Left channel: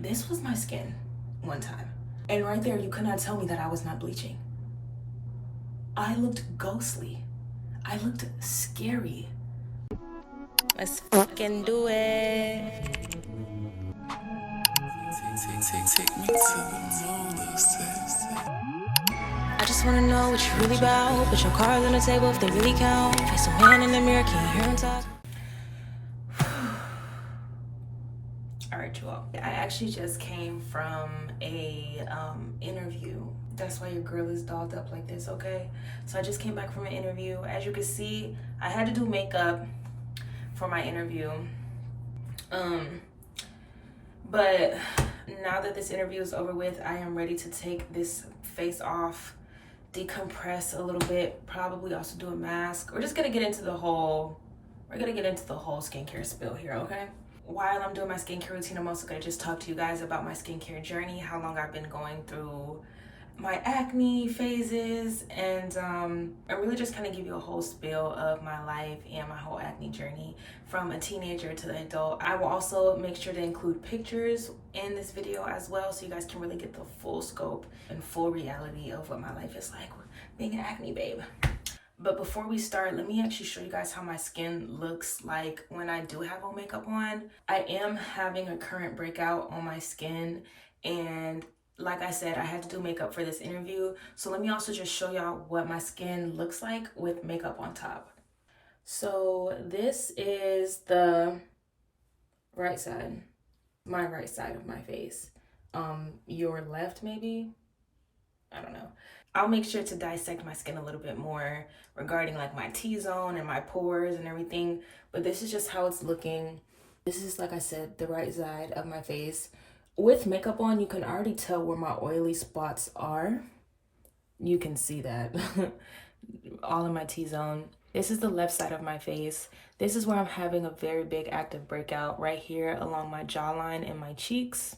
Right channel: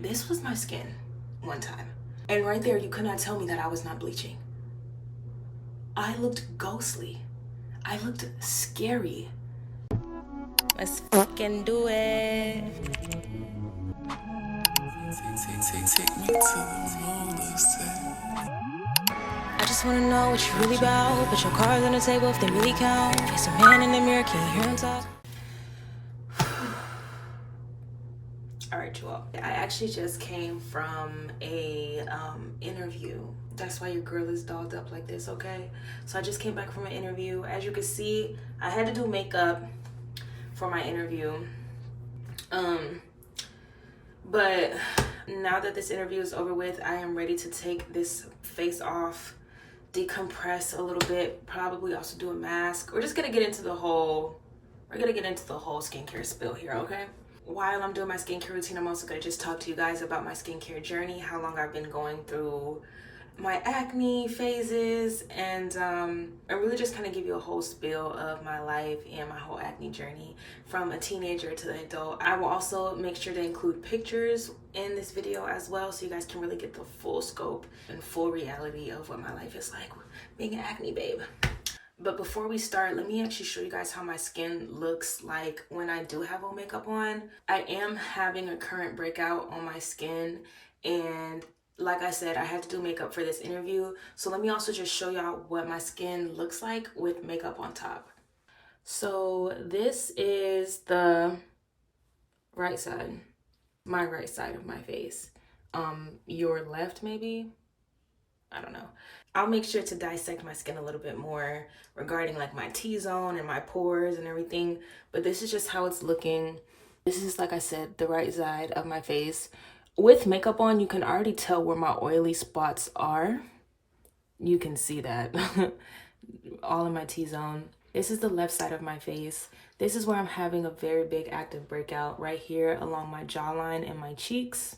This was my skin one time. And right there, you could not tell me that I was not bleaching. I looked ghostly. I looked scary. Let's fucking do it. Take me to the moon, I just wanna know what you really about. Put your cards on the table if they really count. Face a man in the mirror, can you hear him talk? Alright, you all. I actually just came from a interview. That's why your girl is dolled up like this, okay? So I just came back from an interview. As you can see, I had to do makeup for my interview. But now that this interview is over with, I am ready to take this face off, decompress a little bit, probably also do a mask. We're gonna get into the whole skincare spill here, okay? While I'm doing my skincare routine, I'm also gonna just talk to you guys about my skincare journey, how long I've been going through my acne phases, and I really just kind of give you a whole spill of my life and my whole acne journey from a teenager to the adult. I will also make sure to include pictures in this video as well, so you guys can really get the full scope and full reality of what my life is like being an acne babe. But before we start, let me actually show you guys how my skin looks like when I do have on makeup on. I am having a current breakout on my skin, and like I said, I had to do makeup for this interview. So let me also just show y'all what my skin looks like with makeup on top. So this is the right side, my right side of my face. Your left maybe? I don't know. I'll make sure to dissect my skin a little bit more regarding like my T-zone and my pores and everything. But this is just how it's looking. This is, like I said, the right side of my face. With makeup on, you can already tell where my oily spots are. You can see that all in my T-zone. This is the left side of my face. This is where I'm having a very big active breakout right here along my jawline and my cheeks.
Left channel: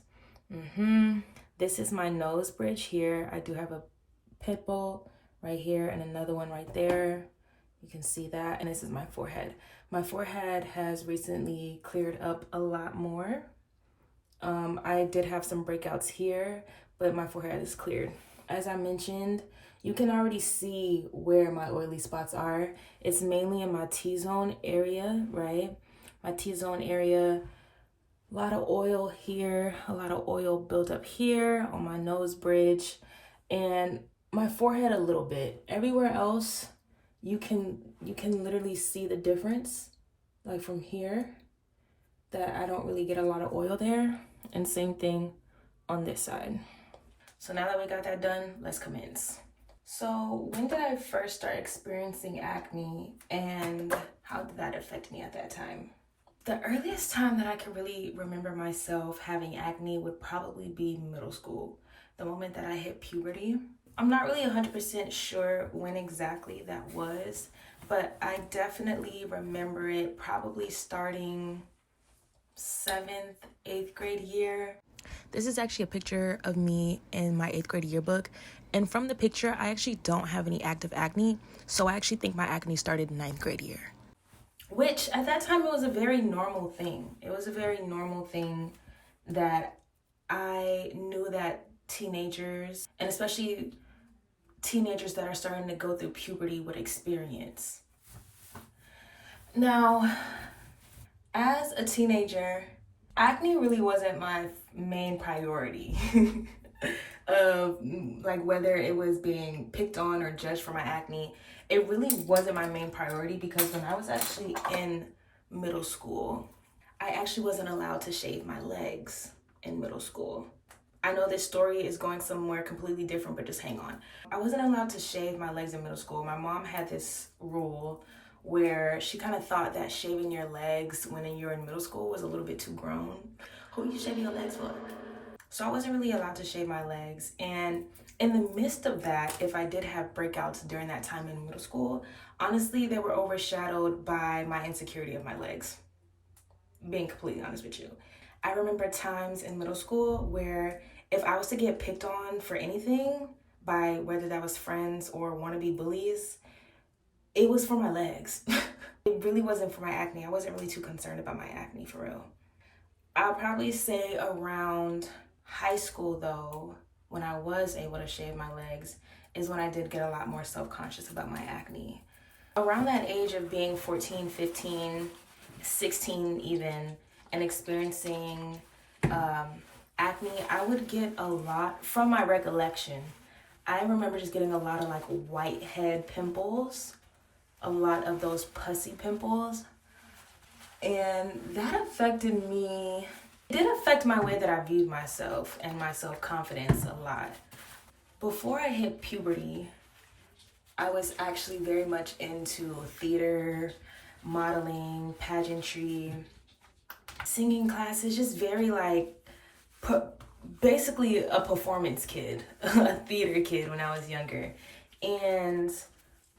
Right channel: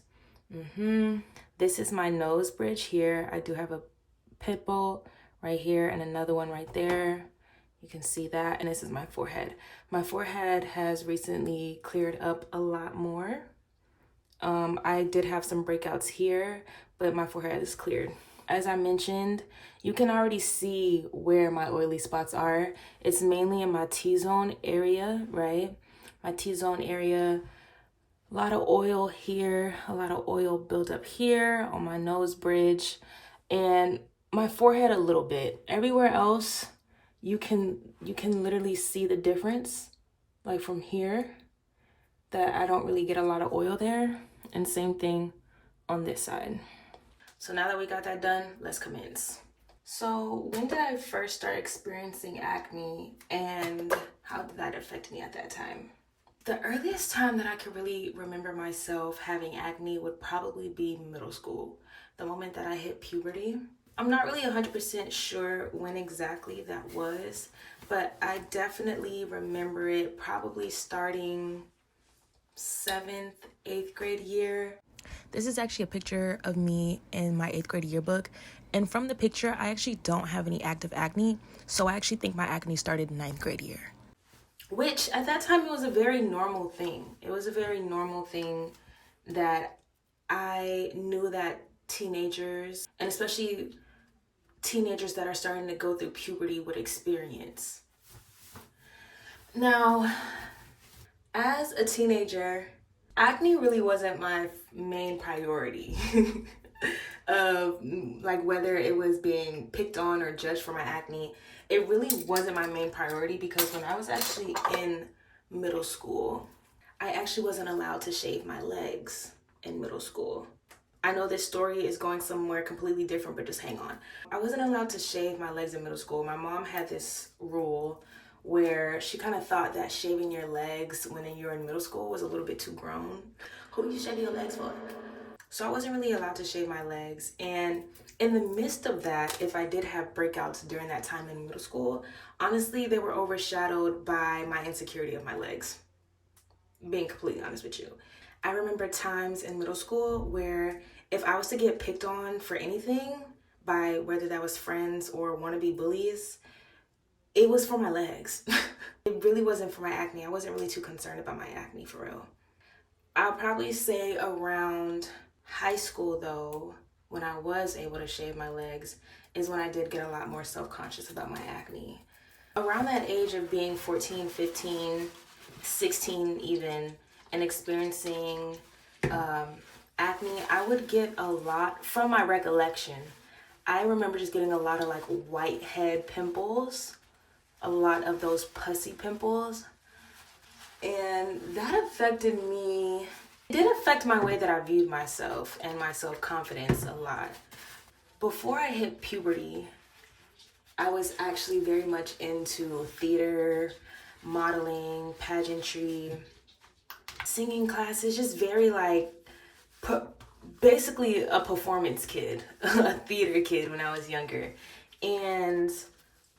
This is my nose bridge here. I do have a pimple right here and another one right there. You can see that. And this is my forehead. My forehead has recently cleared up a lot more. I did have some breakouts here, but my forehead is cleared. As I mentioned, you can already see where my oily spots are. It's mainly in my T-zone area, right? My T-zone area, a lot of oil here, a lot of oil built up here on my nose bridge, and my forehead a little bit. Everywhere else, you can literally see the difference, like from here, that I don't really get a lot of oil there. And same thing on this side. So now that we got that done, let's commence. So when did I first start experiencing acne, and how did that affect me at that time? The earliest time that I could really remember myself having acne would probably be middle school, the moment that I hit puberty. I'm not really 100% sure when exactly that was, but I definitely remember it probably starting 7th, 8th grade year. This is actually a picture of me in my 8th grade yearbook. And from the picture, I actually don't have any active acne. So I actually think my acne started 9th grade year. Which at that time, it was a very normal thing. It was a very normal thing that I knew that teenagers, and especially teenagers that are starting to go through puberty, would experience. Now, as a teenager, acne really wasn't my main priority of like whether it was being picked on or judged for my acne. It really wasn't my main priority, because when I was actually in middle school, I actually wasn't allowed to shave my legs in middle school. I know this story is going somewhere completely different, but just hang on. I wasn't allowed to shave my legs in middle school. My mom had this rule where she kind of thought that shaving your legs when you're in middle school was a little bit too grown. Who you shaving your legs for? So I wasn't really allowed to shave my legs. And in the midst of that, if I did have breakouts during that time in middle school, honestly, they were overshadowed by my insecurity of my legs. Being completely honest with you. I remember times in middle school where if I was to get picked on for anything by whether that was friends or wannabe bullies, it was for my legs. It really wasn't for my acne. I wasn't really too concerned about my acne, for real. I'll probably say around high school though, when I was able to shave my legs, is when I did get a lot more self-conscious about my acne. Around that age of being 14, 15, 16 even, and experiencing acne, I would get a lot, from my recollection, I remember just getting a lot of like whitehead pimples, a lot of those pussy pimples. And that affected me. It did affect my way that I viewed myself and my self-confidence a lot. Before I hit puberty, I was actually very much into theater, modeling, pageantry, singing classes, just very like, basically a performance kid, a theater kid when I was younger. And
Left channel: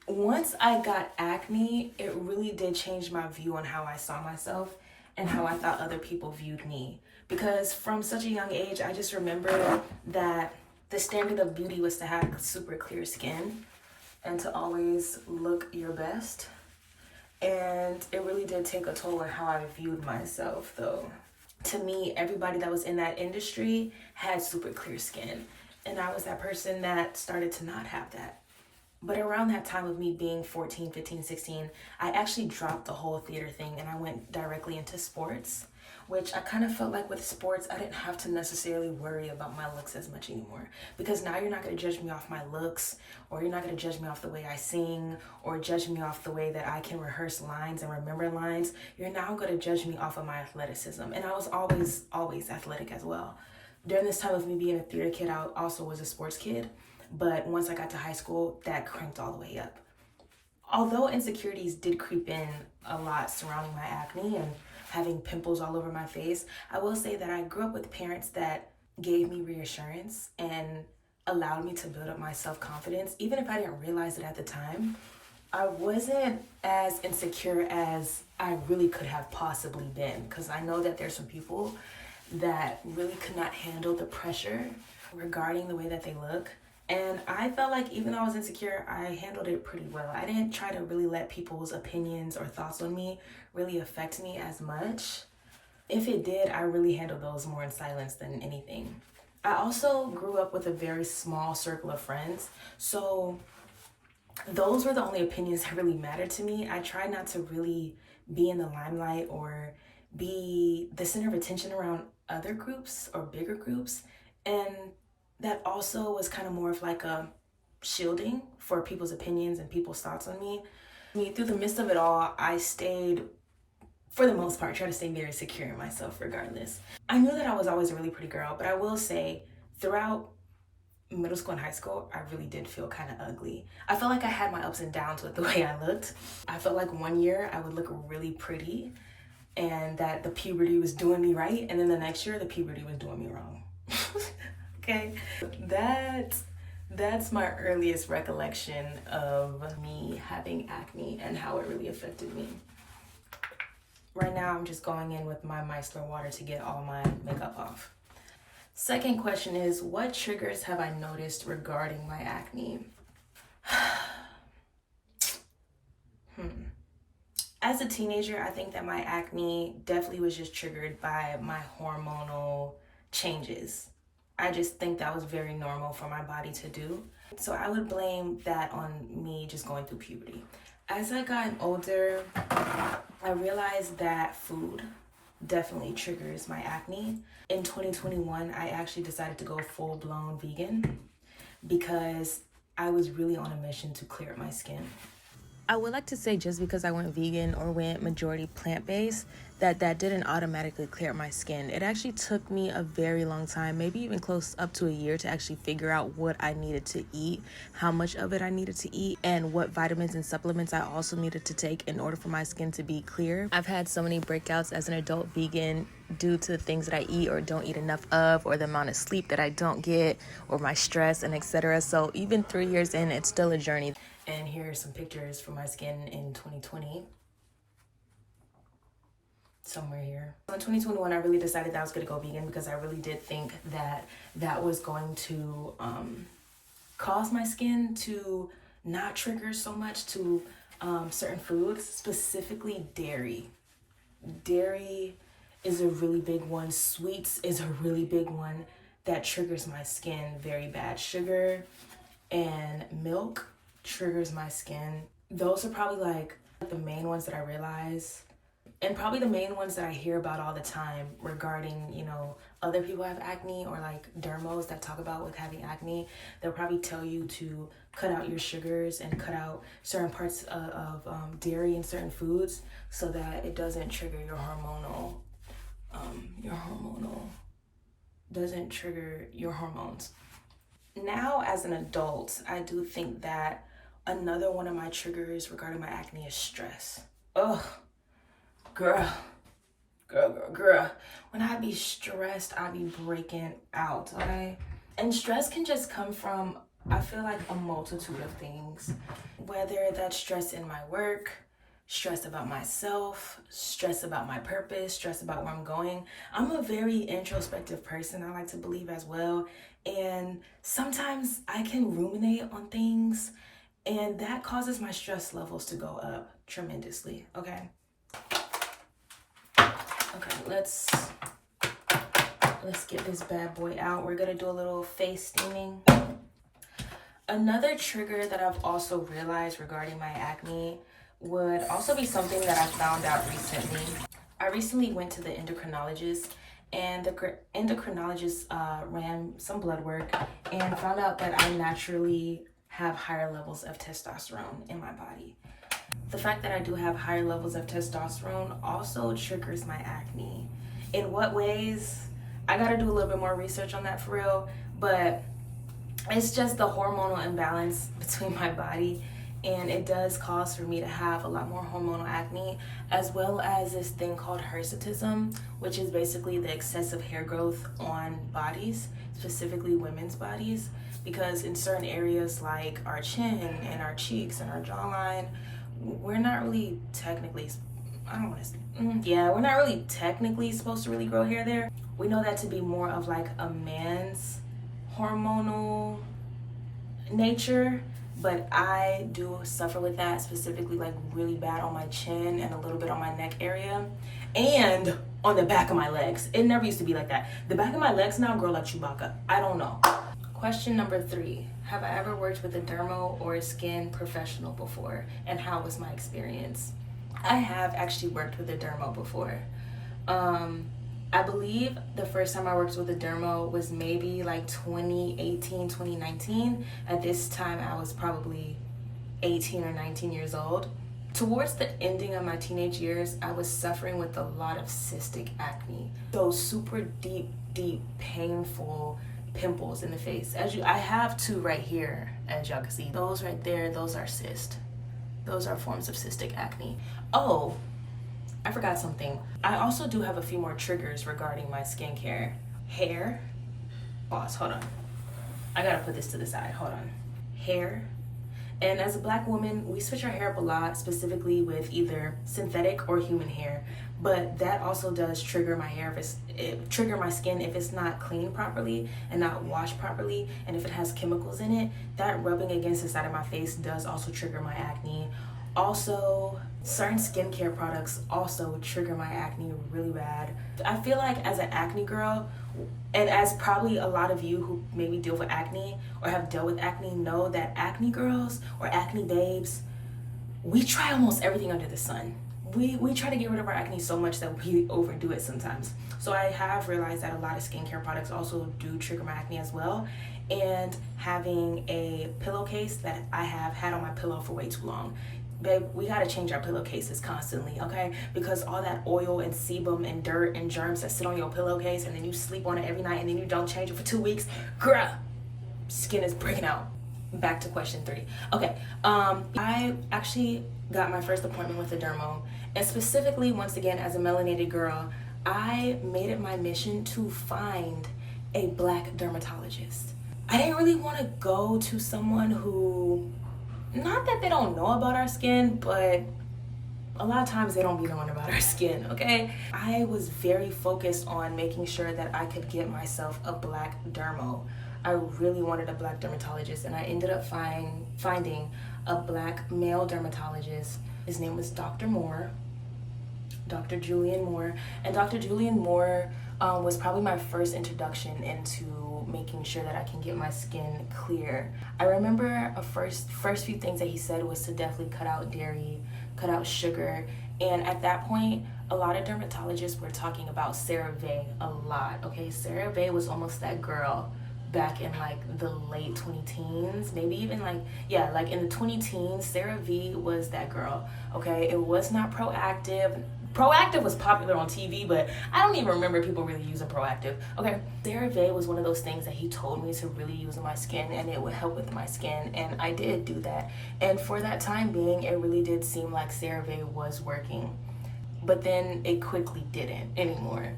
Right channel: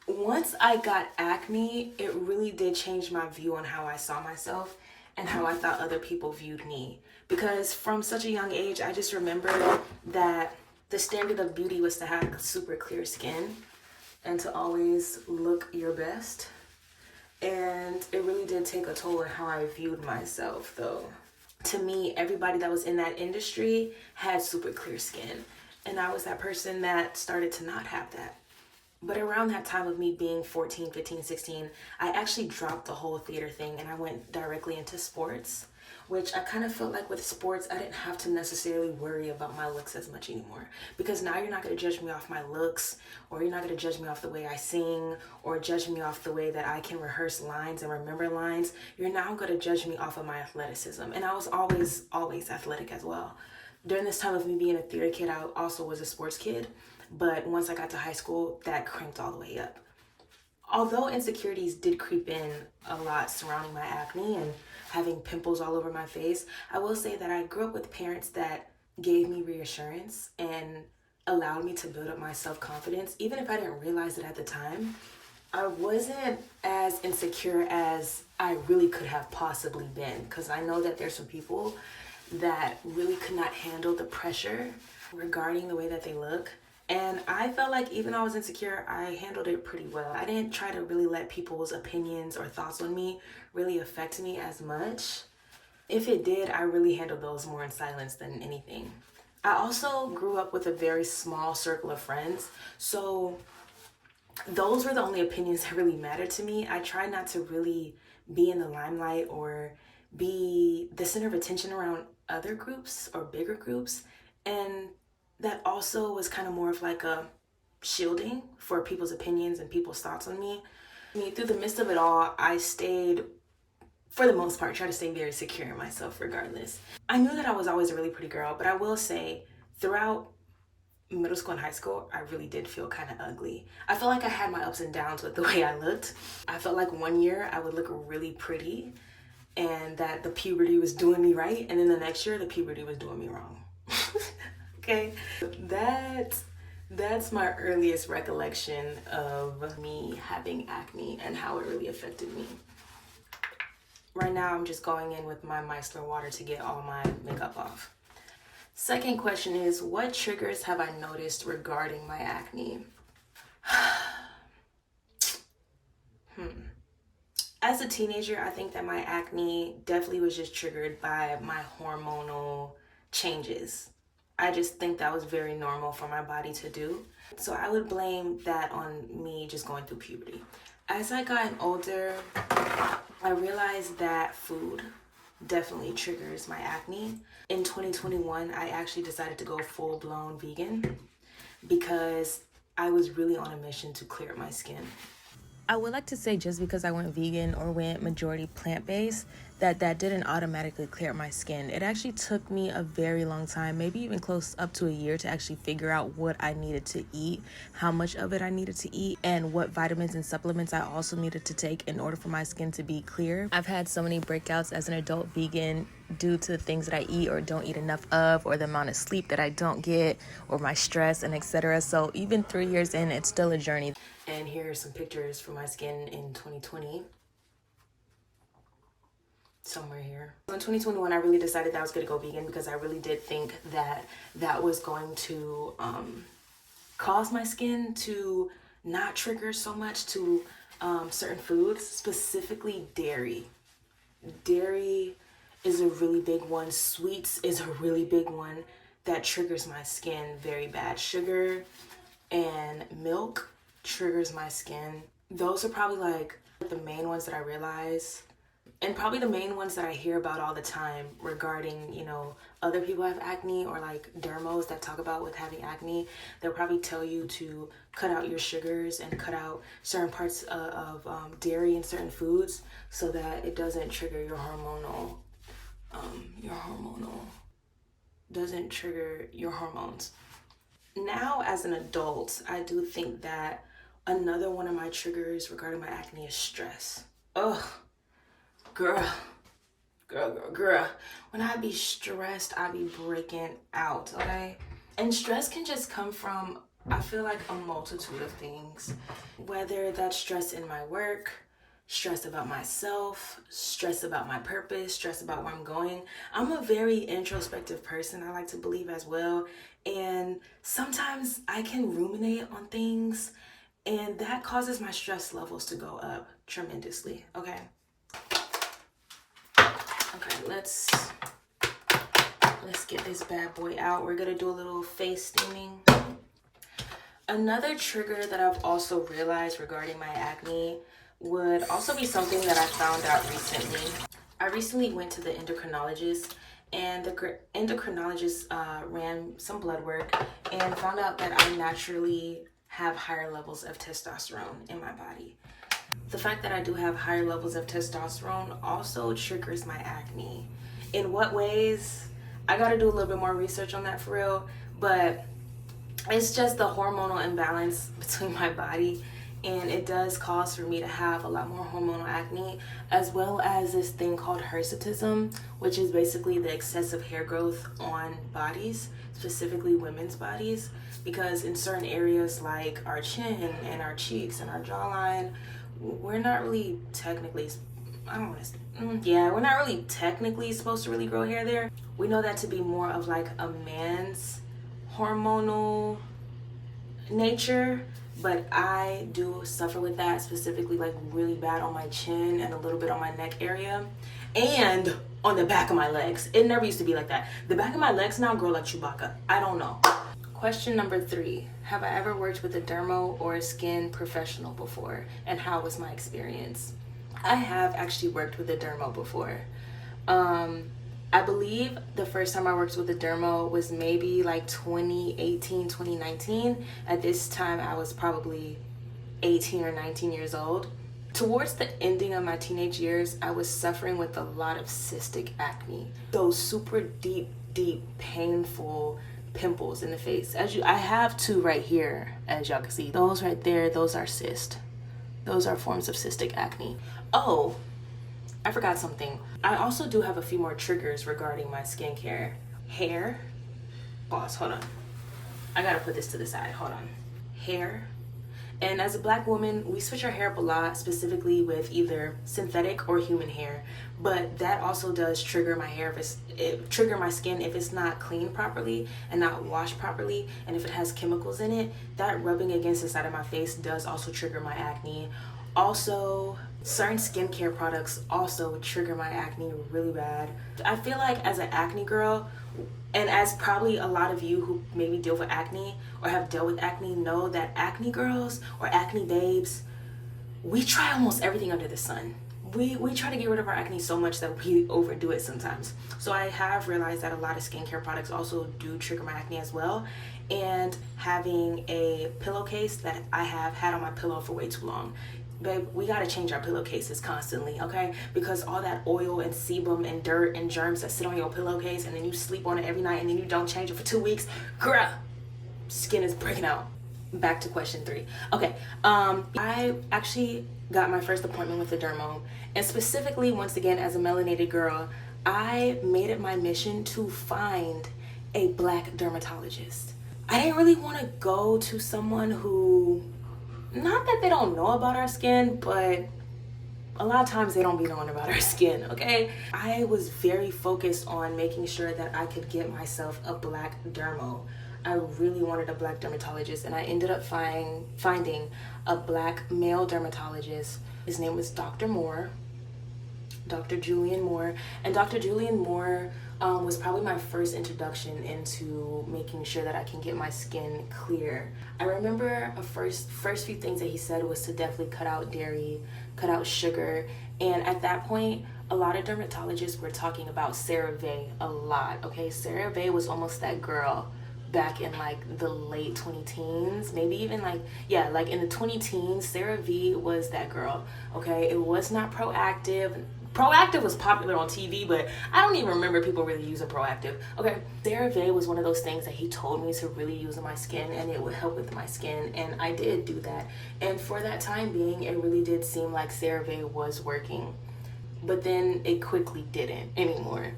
once I got acne, it really did change my view on how I saw myself and how I thought other people viewed me. Because from such a young age, I just remember that the standard of beauty was to have super clear skin and to always look your best. And it really did take a toll on how I viewed myself, though. To me, everybody that was in that industry had super clear skin. And I was that person that started to not have that. But around that time of me being 14, 15, 16, I actually dropped the whole theater thing and I went directly into sports, which I kind of felt like with sports, I didn't have to necessarily worry about my looks as much anymore. Because now you're not going to judge me off my looks, or you're not going to judge me off the way I sing, or judge me off the way that I can rehearse lines and remember lines. You're now going to judge me off of my athleticism. And I was always athletic as well. During this time of me being a theater kid, I also was a sports kid. But once I got to high school, that cranked all the way up. Although insecurities did creep in a lot surrounding my acne and having pimples all over my face, I will say that I grew up with parents that gave me reassurance and allowed me to build up my self-confidence. Even if I didn't realize it at the time, I wasn't as insecure as I really could have possibly been. Because I know that there's some people that really could not handle the pressure regarding the way that they look. And I felt like even though I was insecure, I handled it pretty well. I didn't try to really let people's opinions or thoughts on me really affect me as much. If it did, I really handled those more in silence than anything. I also grew up with a very small circle of friends. So those were the only opinions that really mattered to me. I tried not to really be in the limelight or be the center of attention around other groups or bigger groups. And that also was kind of more of like a shielding for people's opinions and people's thoughts on me. I mean, through the midst of it all, I stayed, for the most part, tried to stay very secure in myself regardless. I knew that I was always a really pretty girl, but I will say throughout middle school and high school, I really did feel kind of ugly. I felt like I had my ups and downs with the way I looked. I felt like one year I would look really pretty and that the puberty was doing me right, and then the next year the puberty was doing me wrong. Okay, that's my earliest recollection of me having acne and how it really affected me. Right now, I'm just going in with my micellar water to get all my makeup off. Second question is, what triggers have I noticed regarding my acne? As a teenager, I think that my acne definitely was just triggered by my hormonal changes. I just think that was very normal for my body to do. So I would blame that on me just going through puberty. As I got older, I realized that food definitely triggers my acne. In 2021, I actually decided to go full-blown vegan because I was really on a mission to clear up my skin. I would like to say just because I went vegan or went majority plant-based, that didn't automatically clear up my skin. It actually took me a very long time, maybe even close up to a year, to actually figure out what I needed to eat, how much of it I needed to eat, and what vitamins and supplements I also needed to take in order for my skin to be clear. I've had so many breakouts as an adult vegan due to the things that I eat or don't eat enough of, or the amount of sleep that I don't get, or my stress, and etc. So even 3 years in, it's still a journey. And here are some pictures from my skin in 2020. Somewhere here. In 2021, I really decided that I was going to go vegan because I really did think that that was going to cause my skin to not trigger so much to certain foods, specifically dairy. Dairy is a really big one. Sweets is a really big one that triggers my skin very bad. Sugar and milk triggers my skin. Those are probably like the main ones that I realize, and probably the main ones that I hear about all the time regarding, you know, other people have acne, or like dermos that talk about with having acne. They'll probably tell you to cut out your sugars and cut out certain parts of dairy and certain foods so that it doesn't trigger doesn't trigger your hormones. Now, as an adult, I do think that another one of my triggers regarding my acne is stress. Ugh, girl. When I be stressed, I be breaking out, okay? And stress can just come from, I feel like, a multitude of things. Whether that's stress in my work, stress about myself, stress about my purpose, stress about where I'm going. I'm a very introspective person, I like to believe as well. And sometimes I can ruminate on things, and that causes my stress levels to go up tremendously, okay? Okay, let's get this bad boy out. We're gonna do a little face steaming. Another trigger that I've also realized regarding my acne would also be something that I found out recently. I recently went to the endocrinologist, and the endocrinologist ran some blood work and found out that I naturally have higher levels of testosterone in my body. The fact that I do have higher levels of testosterone also triggers my acne. In what ways? I gotta do a little bit more research on that for real, but it's just the hormonal imbalance between my body, and it does cause for me to have a lot more hormonal acne, as well as this thing called hirsutism, which is basically the excessive hair growth on bodies, specifically women's bodies, because in certain areas like our chin and our cheeks and our jawline, we're not really technically, we're not really technically supposed to really grow hair there. We know that to be more of like a man's hormonal nature, but I do suffer with that, specifically like really bad on my chin and a little bit on my neck area and on the back of my legs. It never used to be like that. The back of my legs now grow like Chewbacca. I don't know. Question number 3. Have I ever worked with a dermo or a skin professional before, and how was my experience? I have actually worked with a dermo before. I believe the first time I worked with a dermo was maybe like 2018, 2019. At this time, I was probably 18 or 19 years old. Towards the ending of my teenage years, I was suffering with a lot of cystic acne. Those super deep, painful pimples in the face. I have 2 right here, as y'all can see. Those right there, those are cysts. Those are forms of cystic acne. Oh, I forgot something. I also do have a few more triggers regarding my skincare. Hair. Pause, hold on. I gotta put this to the side, hold on. Hair. And as a Black woman, we switch our hair up a lot, specifically with either synthetic or human hair. But that also does trigger my hair, trigger my skin if it's not cleaned properly and not washed properly. And if it has chemicals in it, that rubbing against the side of my face does also trigger my acne. Also, certain skincare products also trigger my acne really bad. I feel like as an acne girl, and as probably a lot of you who maybe deal with acne or have dealt with acne know that acne girls or acne babes, we try almost everything under the sun. We try to get rid of our acne so much that we overdo it sometimes. So I have realized that a lot of skincare products also do trigger my acne as well. And having a pillowcase that I have had on my pillow for way too long. Babe, we gotta change our pillowcases constantly, okay? Because all that oil and sebum and dirt and germs that sit on your pillowcase, and then you sleep on it every night and then you don't change it for 2 weeks, girl, skin is breaking out. Back to question 3. Okay, I actually got my first appointment with a dermo, and specifically, once again, as a melanated girl, I made it my mission to find a Black dermatologist. I didn't really want to go to someone who, not that they don't know about our skin, but a lot of times they don't be knowing about our skin, okay? I was very focused on making sure that I could get myself a Black dermo. I really wanted a Black dermatologist, and I ended up finding a Black male dermatologist. His name was Dr. Moore. Dr. Julian Moore. And Dr. Julian Moore was probably my first introduction into making sure that I can get my skin clear. I remember a first few things that he said was to definitely cut out dairy, cut out sugar. And at that point, a lot of dermatologists were talking about CeraVe a lot, okay? CeraVe was almost that girl back in like the late 20-teens, maybe even like in the 20-teens. CeraVe was that girl, okay? It was not Proactive. Proactive was popular on TV, but I don't even remember people really using Proactive, okay? CeraVe was one of those things that he told me to really use on my skin, and it would help with my skin, and I did do that. And for that time being, it really did seem like CeraVe was working, but then it quickly didn't anymore.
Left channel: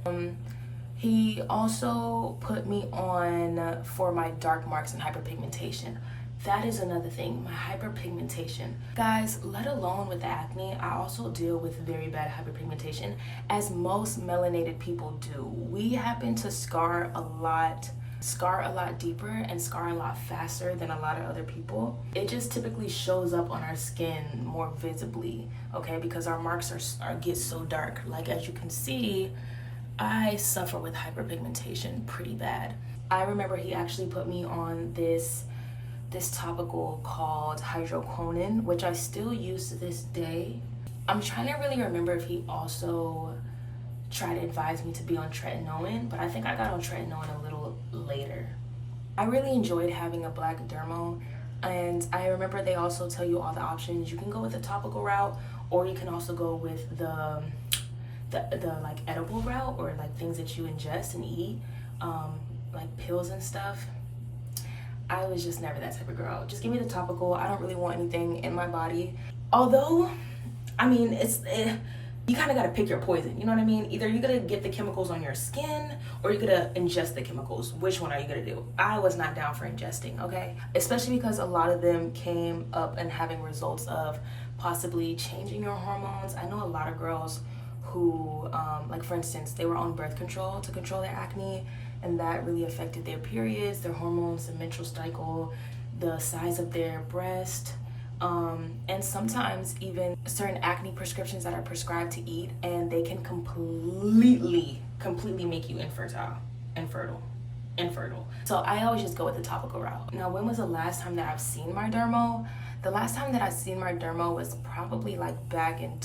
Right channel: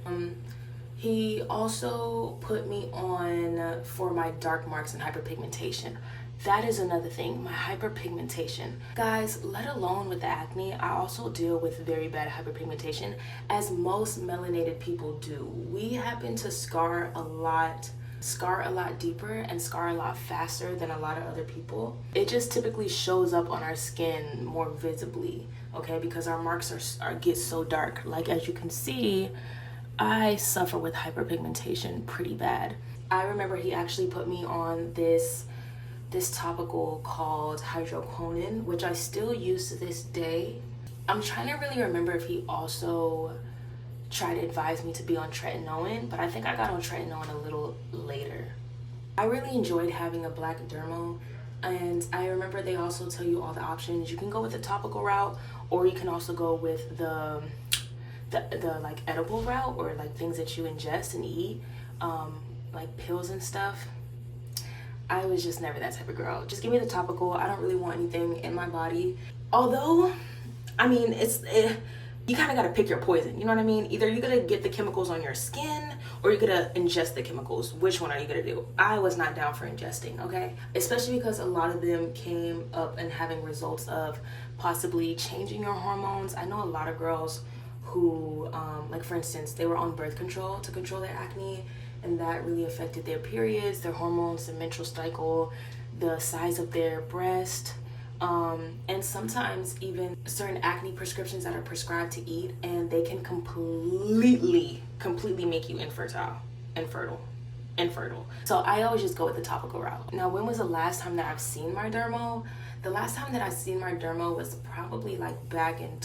He also put me on for my dark marks and hyperpigmentation. That is another thing, my hyperpigmentation. Guys, let alone with the acne, I also deal with very bad hyperpigmentation, as most melanated people do. We happen to scar a lot deeper and scar a lot faster than a lot of other people. It just typically shows up on our skin more visibly, okay, because our marks get so dark. Like, as you can see, I suffer with hyperpigmentation pretty bad. I remember he actually put me on this topical called hydroquinone, which I still use to this day. I'm trying to really remember if he also tried to advise me to be on tretinoin, but I think I got on tretinoin a little later. I really enjoyed having a black dermo, and I remember they also tell you all the options. You can go with the topical route, or you can also go with the like edible route, or like things that you ingest and eat, like pills and stuff. I was just never that type of girl. Just give me the topical. I don't really want anything in my body. Although, I mean, you kind of got to pick your poison. You know what I mean? Either you're going to get the chemicals on your skin, or you're going to ingest the chemicals. Which one are you going to do? I was not down for ingesting, okay? Especially because a lot of them came up and having results of possibly changing your hormones. I know a lot of girls who, like for instance, they were on birth control to control their acne, and that really affected their periods, their hormones, their menstrual cycle, the size of their breast, and sometimes even certain acne prescriptions that are prescribed to eat, and they can completely make you infertile. So I always just go with the topical route. Now, when was the last time that I've seen my dermo? The last time that I've seen my dermo was probably like back in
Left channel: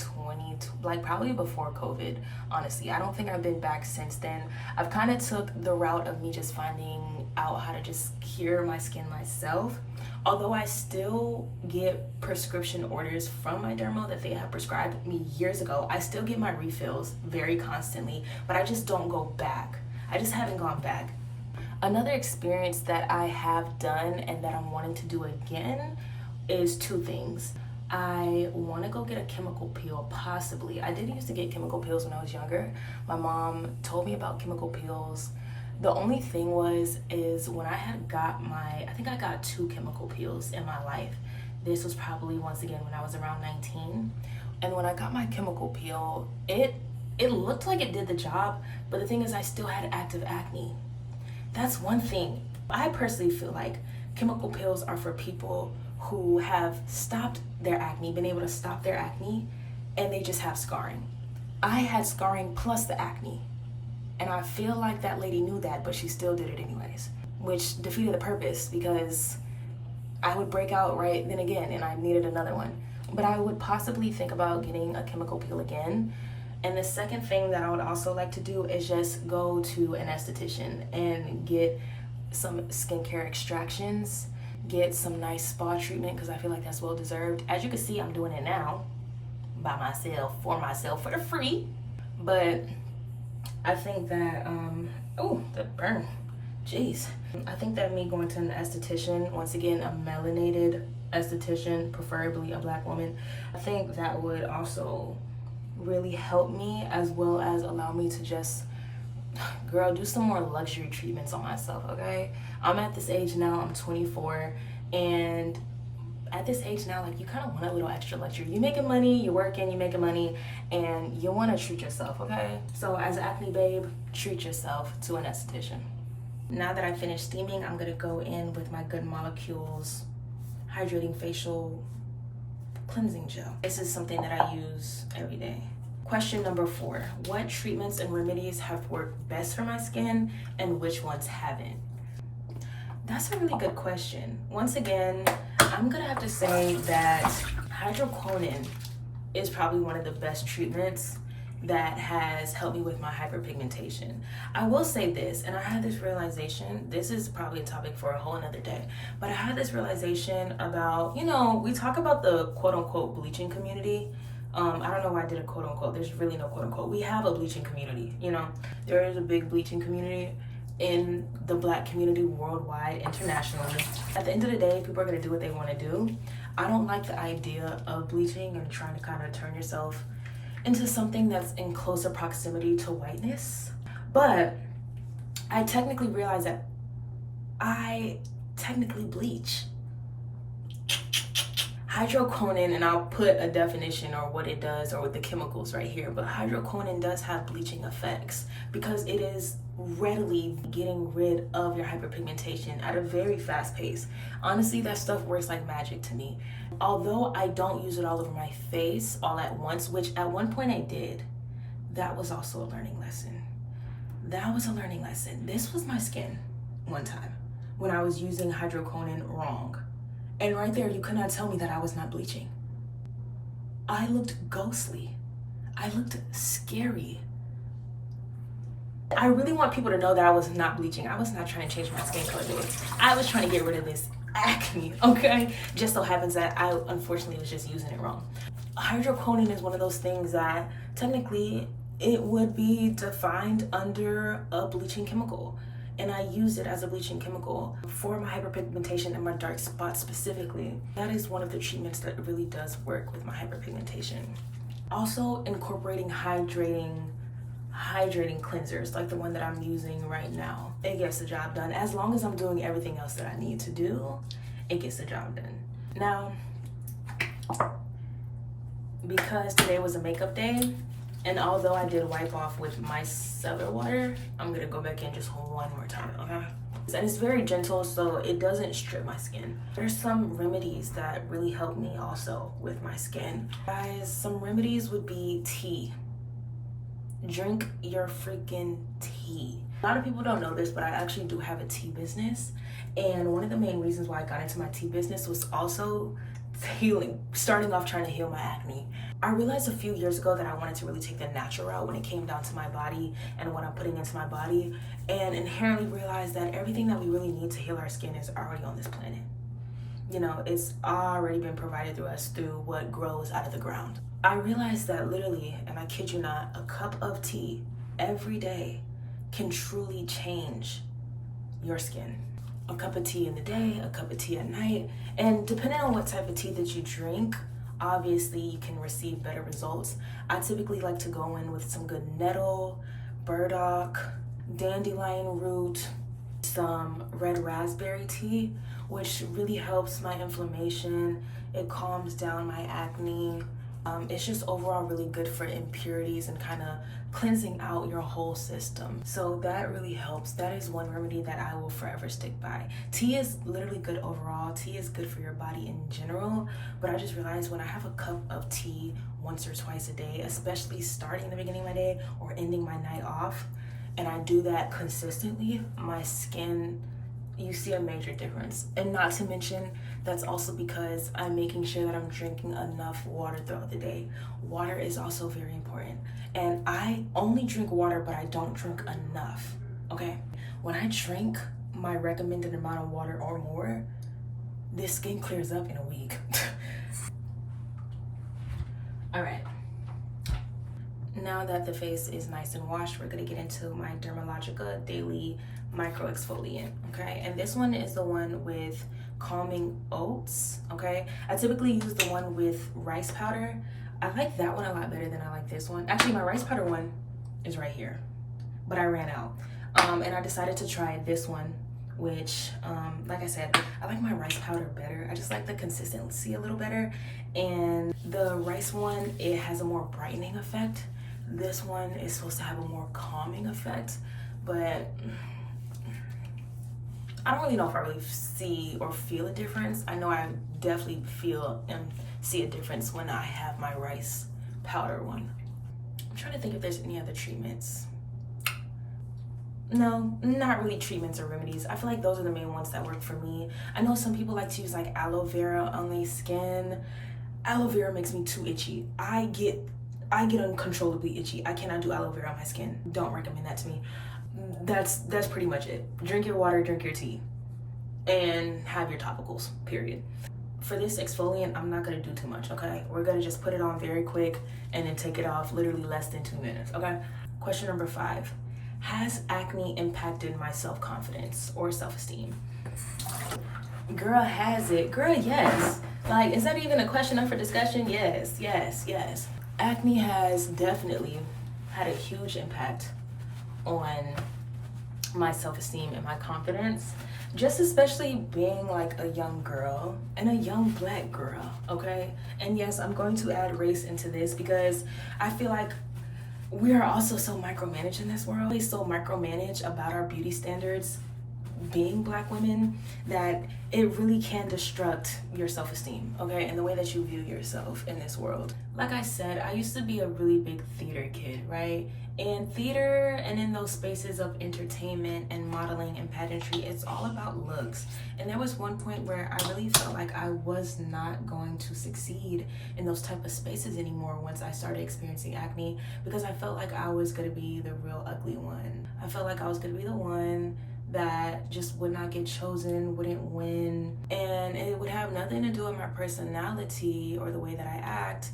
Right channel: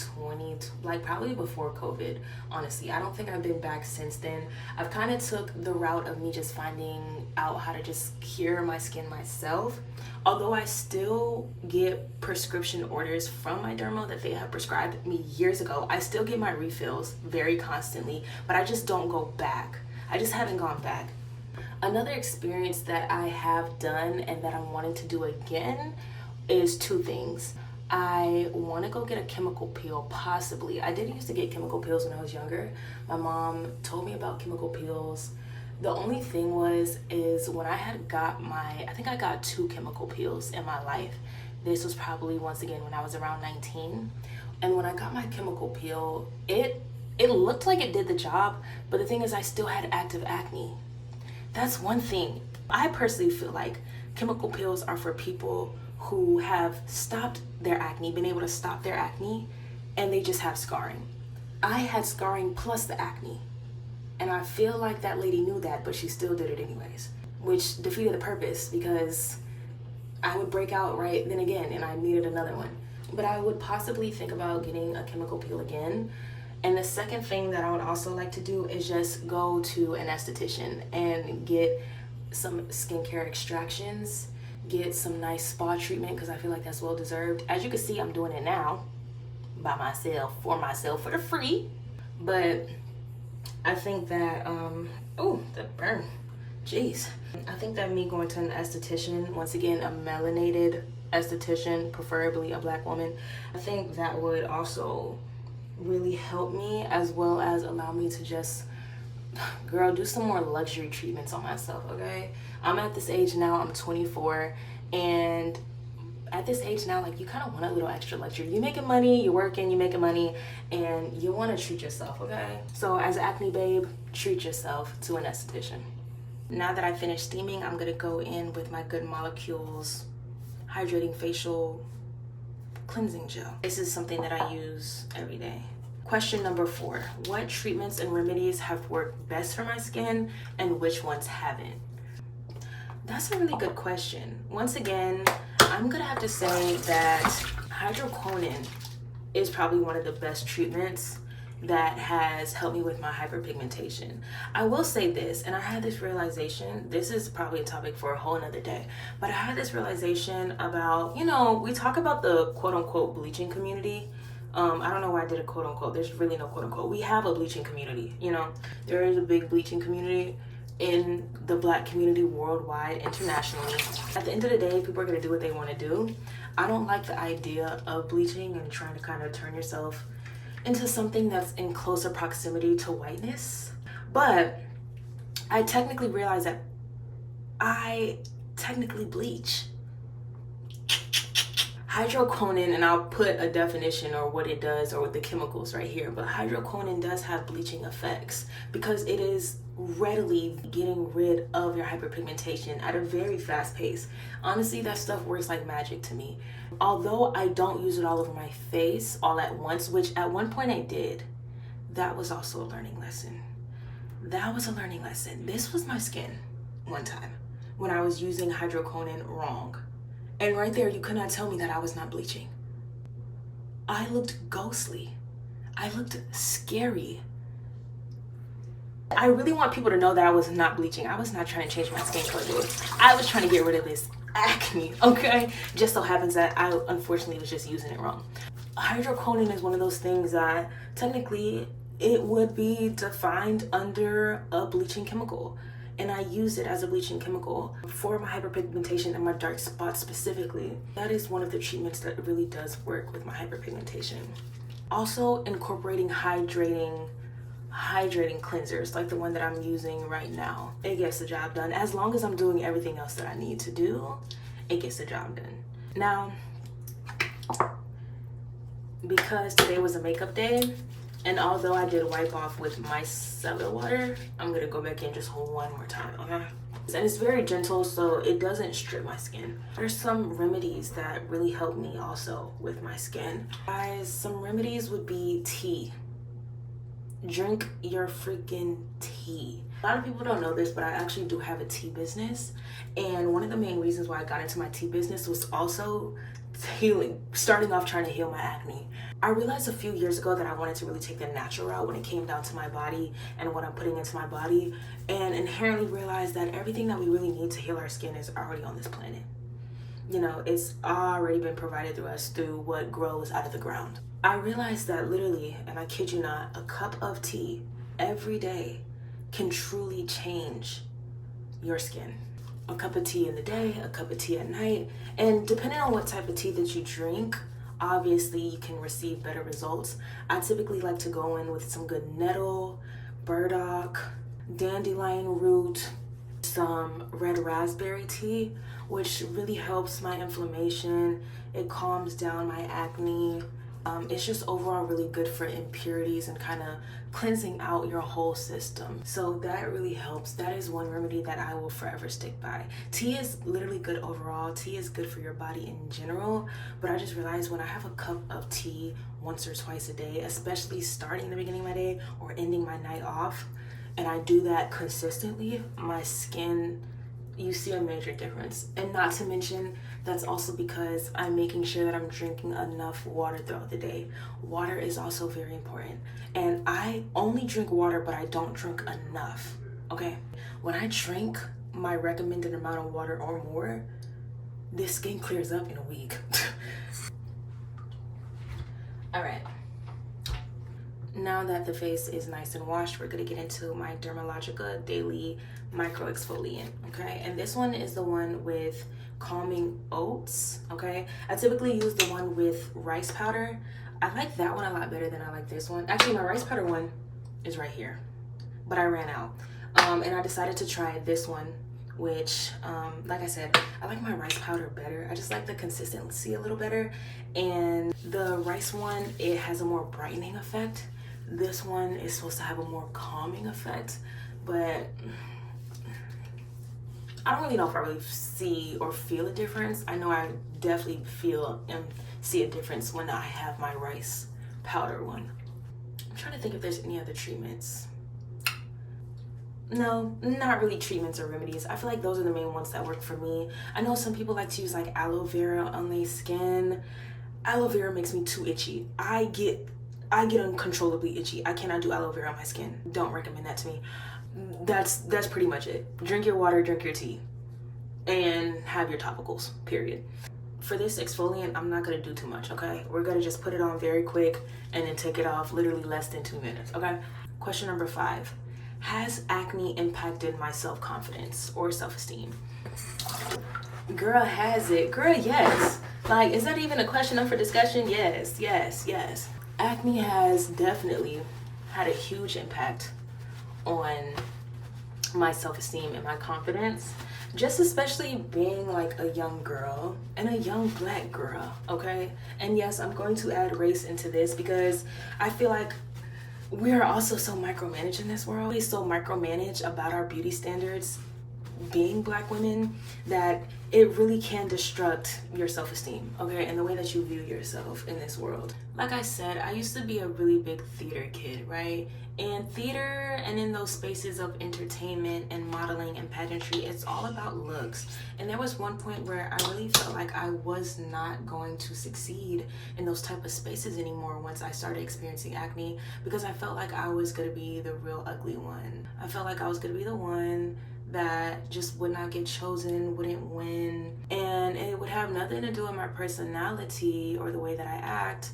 probably before COVID, honestly. I don't think I've been back since then. I've kind of took the route of me just finding out how to just cure my skin myself. Although I still get prescription orders from my dermo that they have prescribed me years ago. I still get my refills very constantly, but I just don't go back. I just haven't gone back. Another experience that I have done and that I'm wanting to do again is two things. I want to go get a chemical peel, possibly. I did used to get chemical peels when I was younger. My mom told me about chemical peels. The only thing is when I had got I think I got 2 chemical peels in my life. This was probably, once again, when I was around 19. And when I got my chemical peel, it looked like it did the job, but the thing is I still had active acne. That's one thing. I personally feel like chemical peels are for people who have stopped their acne, been able to stop their acne, and they just have scarring. I had scarring plus the acne, and I feel like that lady knew that, but she still did it anyways, which defeated the purpose because I would break out right then again, and I needed another one. But I would possibly think about getting a chemical peel again. And the second thing that I would also like to do is just go to an esthetician and get some skincare extractions, get some nice spa treatment, because I feel like that's well deserved. As you can see, I'm doing it now by myself, for the free. But I think that, oh, that burn, jeez. I think that me going to an esthetician, once again, a melanated esthetician, preferably a black woman, I think that would also really help me, as well as allow me to just, girl, do some more luxury treatments on myself, okay? I'm at this age now, I'm 24, and at this age now, like, you kind of want a little extra luxury. You're making money, you're working, you're making money, and you want to treat yourself, okay? So as an acne babe, treat yourself to an esthetician. Now that I finished steaming, I'm gonna go in with my Good Molecules Hydrating Facial Cleansing Gel. This is something that I use every day. Question number 4. What treatments and remedies have worked best for my skin and which ones haven't? That's a really good question. Once again, I'm gonna have to say that hydroquinone is probably one of the best treatments that has helped me with my hyperpigmentation. I will say this, and I had this realization, this is probably a topic for a whole another day, but I had this realization about, we talk about the quote unquote bleaching community. I don't know why I did a quote unquote. There's really no quote unquote. We have a bleaching community, There is a big bleaching community in the Black community worldwide, internationally. At the end of the day, people are going to do what they want to do. I don't like the idea of bleaching and trying to kind of turn yourself into something that's in closer proximity to whiteness. But I technically realize that I technically bleach. Hydroquinone, and I'll put a definition or what it does or with the chemicals right here, but hydroquinone does have bleaching effects because it is readily getting rid of your hyperpigmentation at a very fast pace. Honestly, that stuff works like magic to me. Although I don't use it all over my face all at once, which at one point I did, that was also a learning lesson. This was my skin one time when I was using hydroquinone wrong. And right there, you could not tell me that I was not bleaching. I looked ghostly. I looked scary. I really want people to know that I was not bleaching. I was not trying to change my skin color. I was trying to get rid of this acne, okay? Just so happens that I unfortunately was just using it wrong. Hydroquinone is one of those things that technically it would be defined under a bleaching chemical. And I use it as a bleaching chemical for my hyperpigmentation and my dark spots specifically. That is one of the treatments that really does work with my hyperpigmentation. Also, incorporating hydrating cleansers like the one that I'm using right now. It gets the job done. As long as I'm doing everything else that I need to do, it gets the job done. Now, because today was a makeup day, and although I did wipe off with micellar water, I'm gonna go back in just one more time, okay? And it's very gentle, so it doesn't strip my skin. There's some remedies that really help me also with my skin. Guys, some remedies would be tea. Drink your freaking tea. A lot of people don't know this, but I actually do have a tea business. And one of the main reasons why I got into my tea business was also healing, starting off trying to heal my acne. I realized a few years ago that I wanted to really take the natural route when it came down to my body and what I'm putting into my body, and inherently realized that everything that we really need to heal our skin is already on this planet. It's already been provided through us through what grows out of the ground. I realized that literally, and I kid you not, a cup of tea every day can truly change your skin. A cup of tea in the day, a cup of tea at night, and depending on what type of tea that you drink, obviously you can receive better results. I typically like to go in with some good nettle, burdock, dandelion root, some red raspberry tea, which really helps my inflammation. It calms down my acne. It's just overall really good for impurities and kind of cleansing out your whole system. So that really helps. That is one remedy that I will forever stick by. Tea is literally good overall. Tea is good for your body in general, but I just realized when I have a cup of tea once or twice a day, especially starting the beginning of my day or ending my night off, and I do that consistently, my skin, you see a major difference. And not to mention, that's also because I'm making sure that I'm drinking enough water throughout the day. Water is also very important. And I only drink water, but I don't drink enough, okay? When I drink my recommended amount of water or more, this skin clears up in a week. All right. Now that the face is nice and washed, we're gonna get into my Dermalogica Daily Micro Exfoliant, okay? And this one is the one with calming oats, okay? I typically use the one with rice powder. I like that one a lot better than I like this one. Actually, my rice powder one is right here, but I ran out. And I decided to try this one, which, like I said, I like my rice powder better. I just like the consistency a little better. And the rice one, it has a more brightening effect. This one is supposed to have a more calming effect, but I don't really know if I really see or feel a difference. I know I definitely feel and see a difference when I have my rice powder one. trying to think if there's any other treatments. No, not really treatments or remedies. I feel like those are the main ones that work for me. I know some people like to use like aloe vera on their skin. Aloe vera makes me too itchy. I get uncontrollably itchy. I cannot do aloe vera on my skin. Don't recommend that to me. That's pretty much it. Drink your water, drink your tea, and have your topicals, period. For this exfoliant, I'm not gonna do too much, okay? We're gonna just put it on very quick and then take it off literally less than 2 minutes, okay? Question number 5. Has acne impacted my self-confidence or self-esteem? Girl, has it? Girl, yes. Like, is that even a question up for discussion? Yes. Acne has definitely had a huge impact on my self-esteem and my confidence. Just especially being like a young girl and a young black girl, okay? And yes, I'm going to add race into this because I feel like we are also so micromanaged in this world. We so micromanage about our beauty standards being black women that it really can destruct your self-esteem, okay? And the way that you view yourself in this world. Like I said, I used to be a really big theater kid, right? And theater and in those spaces of entertainment and modeling and pageantry, it's all about looks. And there was one point where I really felt like I was not going to succeed in those type of spaces anymore once I started experiencing acne, because I felt like I was gonna be the real ugly one. I felt like I was gonna be the one that just would not get chosen, wouldn't win, and it would have nothing to do with my personality or the way that I act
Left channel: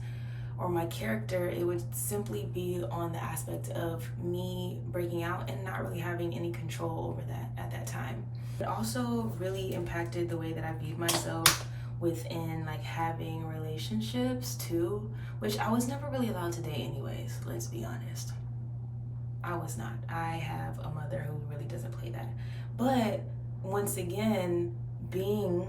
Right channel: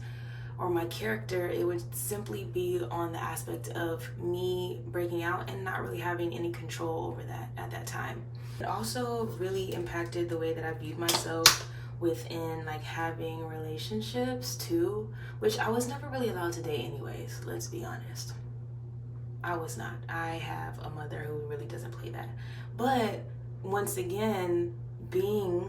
or my character. It would simply be on the aspect of me breaking out and not really having any control over that at that time. It also really impacted the way that I viewed myself within like having relationships too, which I was never really allowed to date anyways, let's be honest. I was not. I have a mother who really doesn't play that. But once again, being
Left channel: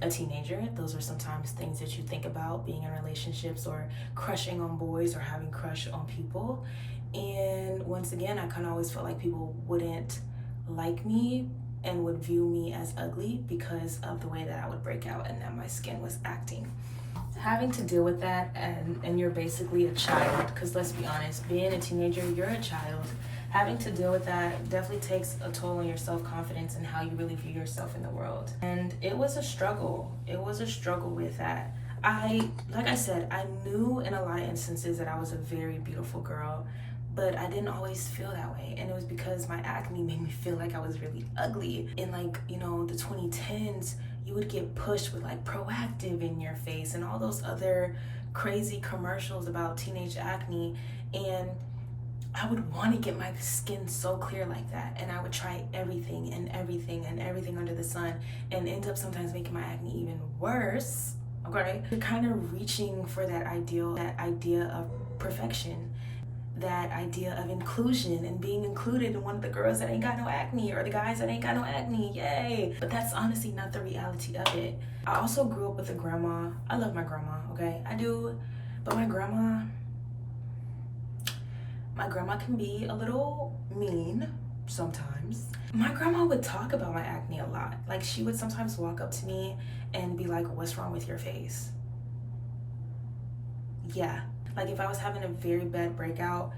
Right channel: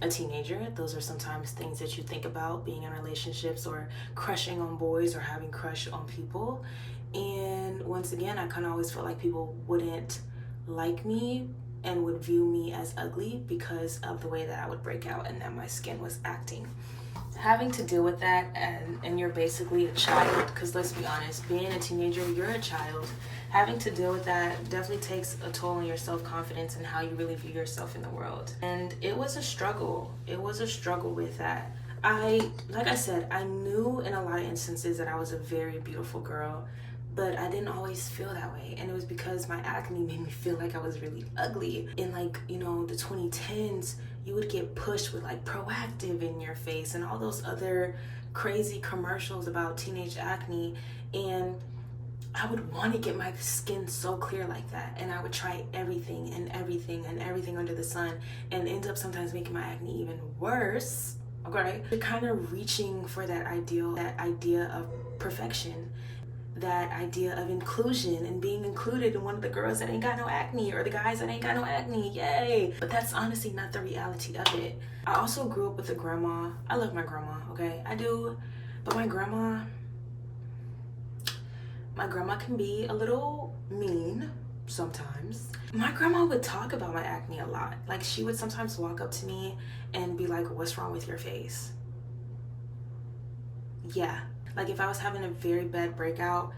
a teenager, those are sometimes things that you think about, being in relationships or crushing on boys or having crush on people. And once again, I kind of always felt like people wouldn't like me and would view me as ugly because of the way that I would break out and that my skin was acting. Having to deal with that, and you're basically a child, because let's be honest, being a teenager, you're a child. Having to deal with that definitely takes a toll on your self-confidence and how you really view yourself in the world. And it was a struggle. It was a struggle with that. Like I said, I knew in a lot of instances that I was a very beautiful girl, but I didn't always feel that way. And it was because my acne made me feel like I was really ugly. In like, the 2010s, you would get pushed with like Proactive in your face and all those other crazy commercials about teenage acne. And I would want to get my skin so clear like that. And I would try everything under the sun and end up sometimes making my acne even worse. Okay? You're kind of reaching for that idea of perfection, that idea of inclusion and being included in one of the girls that ain't got no acne or the guys that ain't got no acne, yay. But that's honestly not the reality of it. I also grew up with a grandma. I love my grandma, okay? I do, but my grandma can be a little mean sometimes. My grandma would talk about my acne a lot. Like, she would sometimes walk up to me and be like, "What's wrong with your face?" Yeah. Like, if I was having a very bad breakout,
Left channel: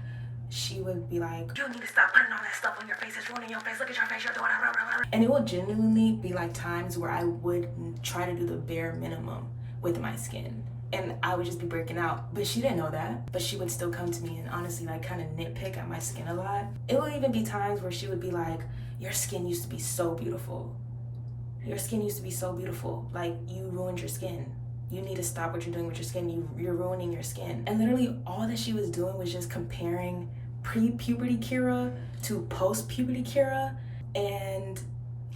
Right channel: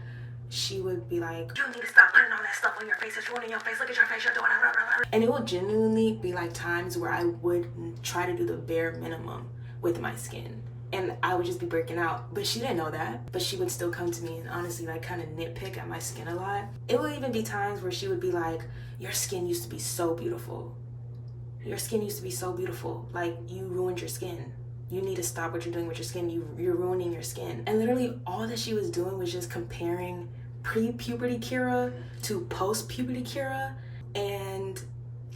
she would be like, "You need to stop putting all that stuff on your face. It's ruining your face. Look at your face. You're doing it." And it will genuinely be like times where I would try to do the bare minimum with my skin. And I would just be breaking out. But she didn't know that. But she would still come to me and honestly like kind of nitpick at my skin a lot. It will even be times where she would be like, "Your skin used to be so beautiful. Your skin used to be so beautiful. Like, you ruined your skin. You need to stop what you're doing with your skin. You're ruining your skin." And literally all that she was doing was just comparing pre-puberty Kira to post-puberty Kira. And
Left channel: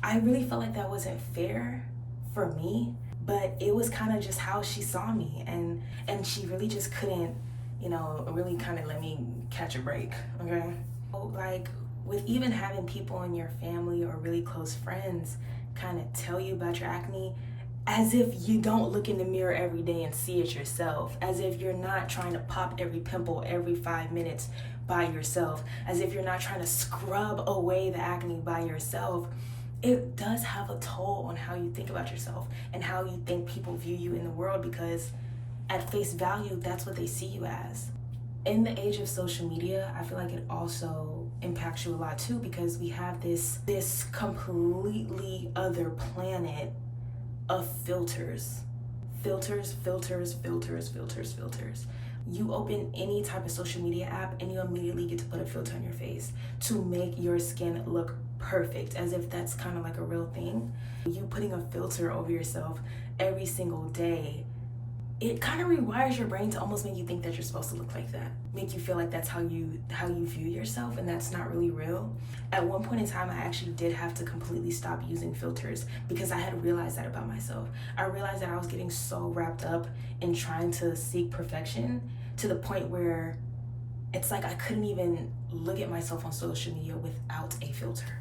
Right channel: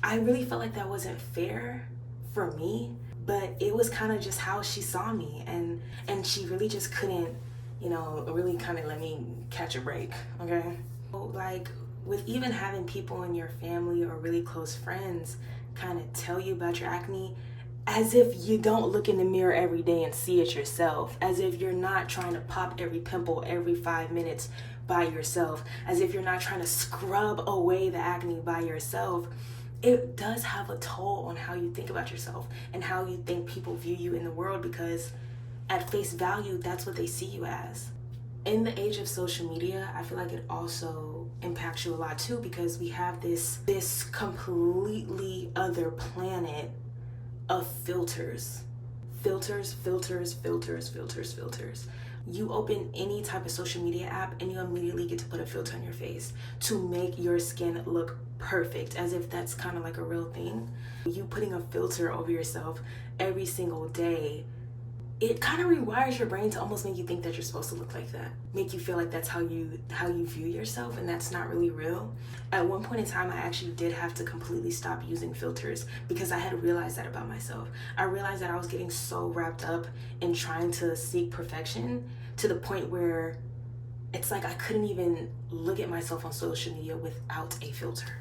I really felt like that wasn't fair for me, but it was kind of just how she saw me. And she really just couldn't, really kind of let me catch a break, okay? Like, with even having people in your family or really close friends kind of tell you about your acne, as if you don't look in the mirror every day and see it yourself, as if you're not trying to pop every pimple every 5 minutes by yourself, as if you're not trying to scrub away the acne by yourself. It does have a toll on how you think about yourself and how you think people view you in the world, because at face value, that's what they see you as. In the age of social media, I feel like it also impacts you a lot too, because we have this completely other planet of filters. Filters. You open any type of social media app and you immediately get to put a filter on your face to make your skin look perfect, as if that's kind of like a real thing. You putting a filter over yourself every single day, it kind of rewires your brain to almost make you think that you're supposed to look like that, make you feel like that's how you view yourself, and that's not really real. At one point in time, I actually did have to completely stop using filters because I had realized that about myself. I realized that I was getting so wrapped up in trying to seek perfection to the point where it's like I couldn't even look at myself on social media without a filter.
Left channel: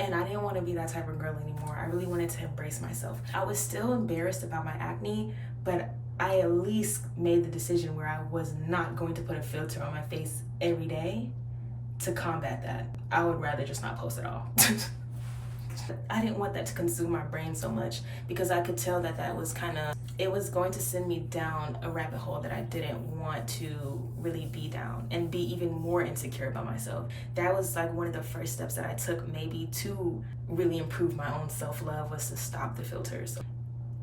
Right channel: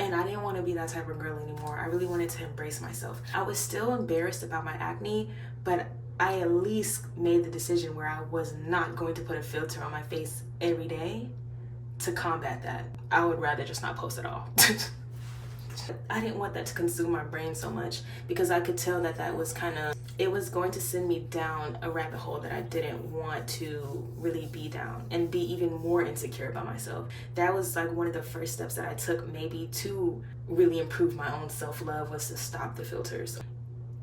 And I didn't want to be that type of girl anymore. I really wanted to embrace myself. I was still embarrassed about my acne, but I at least made the decision where I was not going to put a filter on my face every day to combat that. I would rather just not post at all. I didn't want that to consume my brain so much, because I could tell that was it was going to send me down a rabbit hole that I didn't want to really be down and be even more insecure about myself. That was like one of the first steps that I took maybe to really improve my own self-love, was to stop the filters.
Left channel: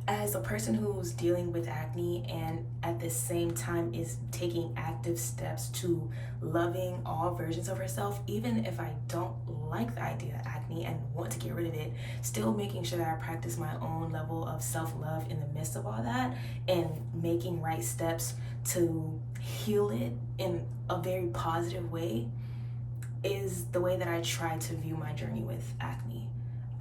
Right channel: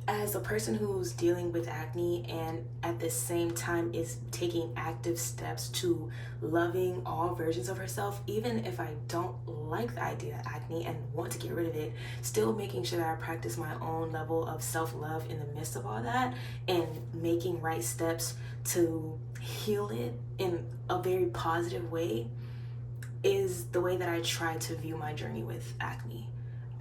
As a person who's dealing with acne and at the same time is taking active steps to loving all versions of herself, even if I don't like the idea of acne and want to get rid of it, still making sure that I practice my own level of self-love in the midst of all that and making right steps to heal it in a very positive way, is the way that I try to view my journey with acne.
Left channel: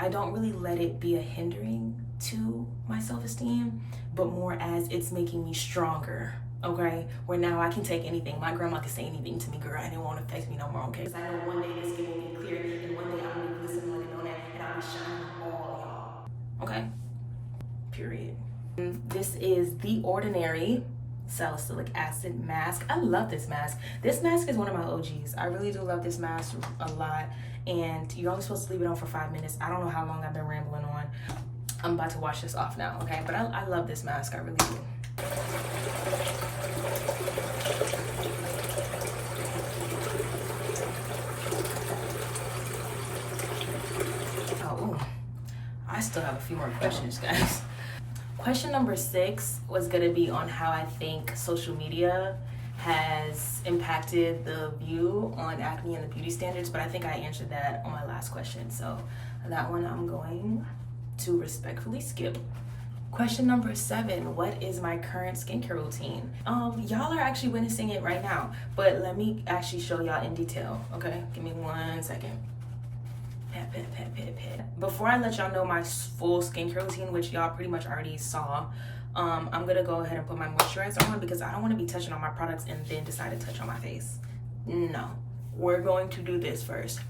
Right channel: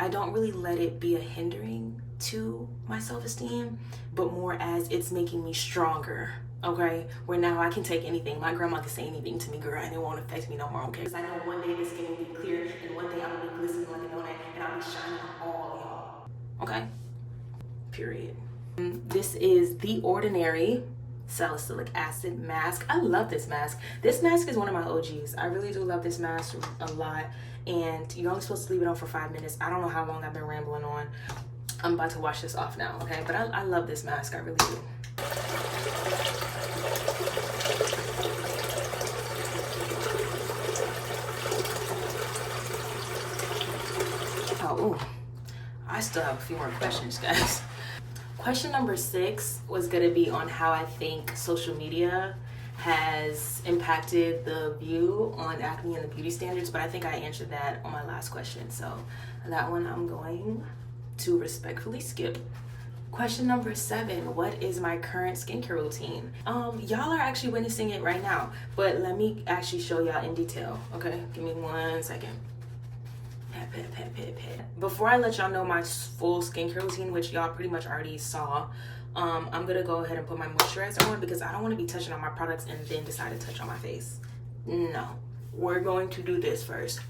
I don't really let it be a hindering to my self-esteem, but more as it's making me stronger, okay? Where now I can take anything. My grandma can say anything to me, girl, and it won't affect me no more, okay? Because I know one day this skin will be clear, and one day I'm gonna be glistening like a donut, and I'll be shining on all y'all, okay? Period. This is The Ordinary Salicylic Acid Mask. I love this mask. This mask is one of my OGs. I really do love this mask a lot, and you're only supposed to leave it on for 5 minutes. I don't know how long I've been rambling on. I'm about to wash this off now, okay? But I love this mask, I really do. Oh, ooh. I still have a few more questions, guys. Question number 6 was gonna be on how I think social media has impacted the view on acne and the beauty standards, but I think I answered that on my last question. So that one I'm going to respectfully skip. Question number 7, what is my current skincare routine? Y'all are actually witnessing it right now, but let me actually show y'all in detail, okay? Give me 1 second. Pat. Before I let y'all know my full skincare routine, which y'all pretty much already saw, I'm gonna go ahead and put my moisturizer on, because I don't want to be touching on my products and then decide to touch on my face. No, we're going to do this first.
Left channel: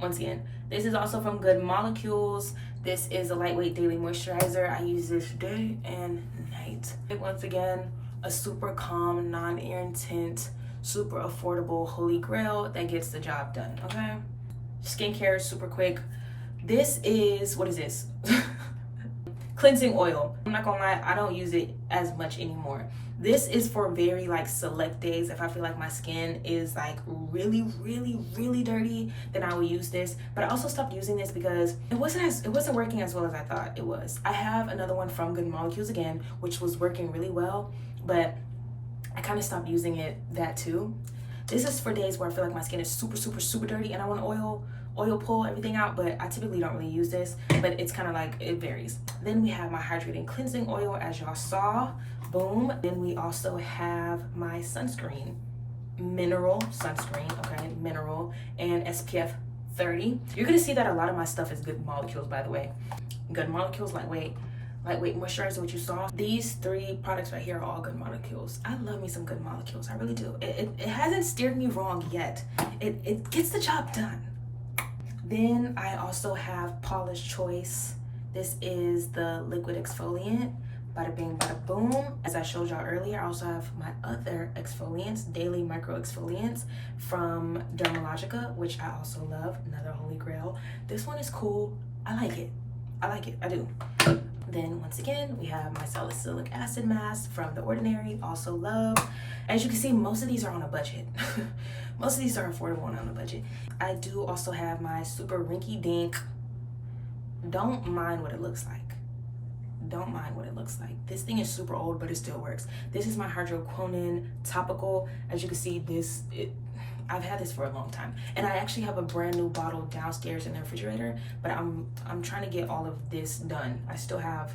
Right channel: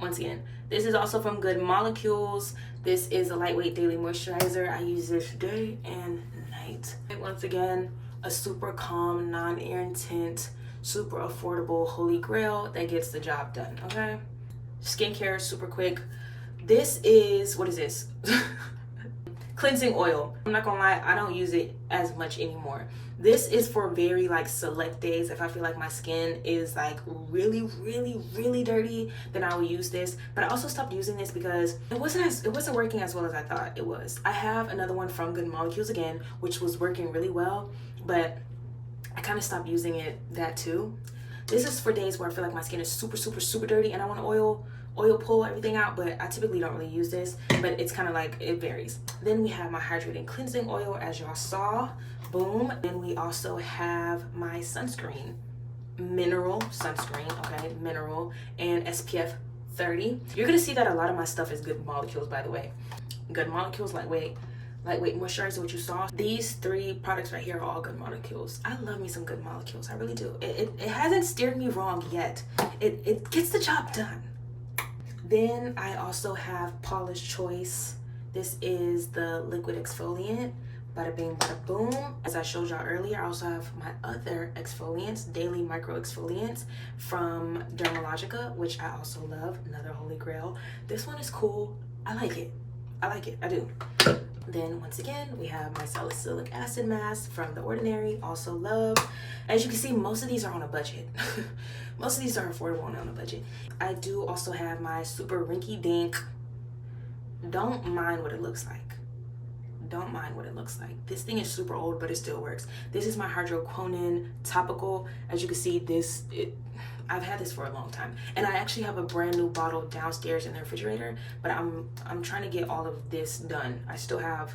Once again, this is also from Good Molecules. This is a lightweight daily moisturizer. I use this day and night. Once again, a super calm, non-irritant, super affordable holy grail that gets the job done, okay? Skincare, super quick. This is, what is this? Cleansing oil. I'm not gonna lie, I don't use it as much anymore. This is for very like select days. If I feel like my skin is like really dirty, then I will use this. But I also stopped using this because it wasn't working as well as I thought it was. I have another one from Good Molecules again, which was working really well, but I kind of stopped using that too. This is for days where I feel like my skin is super dirty and I want to oil pull everything out, but I typically don't really use this, but it's kind of like, it varies. Then we have my hydrating cleansing oil, as y'all saw, boom. Then we also have my sunscreen, mineral sunscreen, okay, mineral, and SPF 30. You're gonna see that a lot of my stuff is Good Molecules, by the way. Good Molecules, lightweight moisturizer, what you saw. These 3 products right here are all Good Molecules. I love me some Good Molecules, I really do. It hasn't steered me wrong yet. It gets the job done. Then I also have Paula's Choice. This is the liquid exfoliant. Bada bing, bada boom. As I showed y'all earlier, I also have my other exfoliants, daily micro exfoliants from Dermalogica, which I also love, another holy grail. This one is cool. I like it. I like it, I do. Then once again, we have my salicylic acid mask from The Ordinary, also love. As you can see, most of these are on a budget. Most of these are affordable and on a budget. I do also have my super rinky dink. Don't mind what it looks like. Don't mind what it looks like. This thing is super old, but it still works. This is my hydroquinone topical. As you can see, I've had this for a long time, and I actually have a brand new bottle downstairs in the refrigerator, but I'm trying to get all of this done. I still have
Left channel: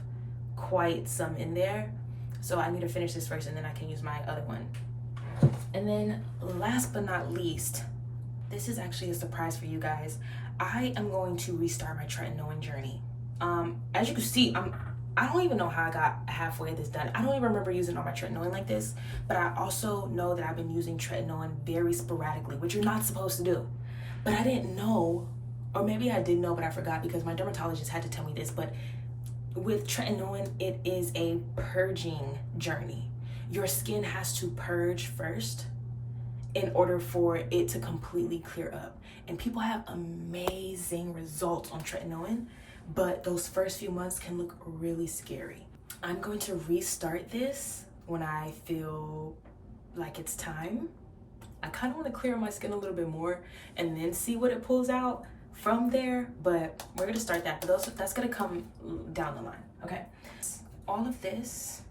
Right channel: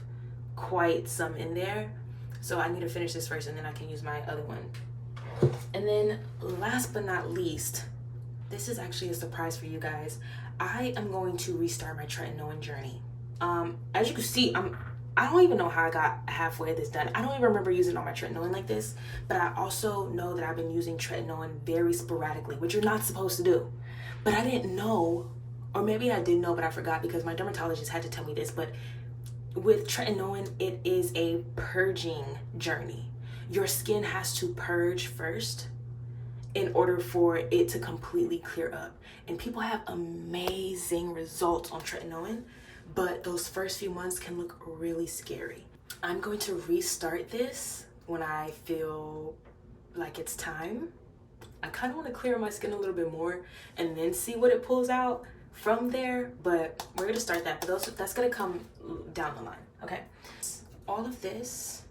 quite some in there, so I need to finish this first, and then I can use my other one. And then last but not least, this is actually a surprise for you guys. I am going to restart my tretinoin journey. As you can see, I don't even know how I got halfway this done. I don't even remember using all my tretinoin like this, but I also know that I've been using tretinoin very sporadically, which you're not supposed to do. But I didn't know, or maybe I did know, but I forgot because my dermatologist had to tell me this, but with tretinoin, it is a purging journey. Your skin has to purge first in order for it to completely clear up. And people have amazing results on tretinoin, but those first few months can look really scary. I'm going to restart this when I feel like it's time. I kind of want to clear my skin a little bit more and then see what it pulls out from there, but we're going to start that. But that's going to come down the line, okay? All of this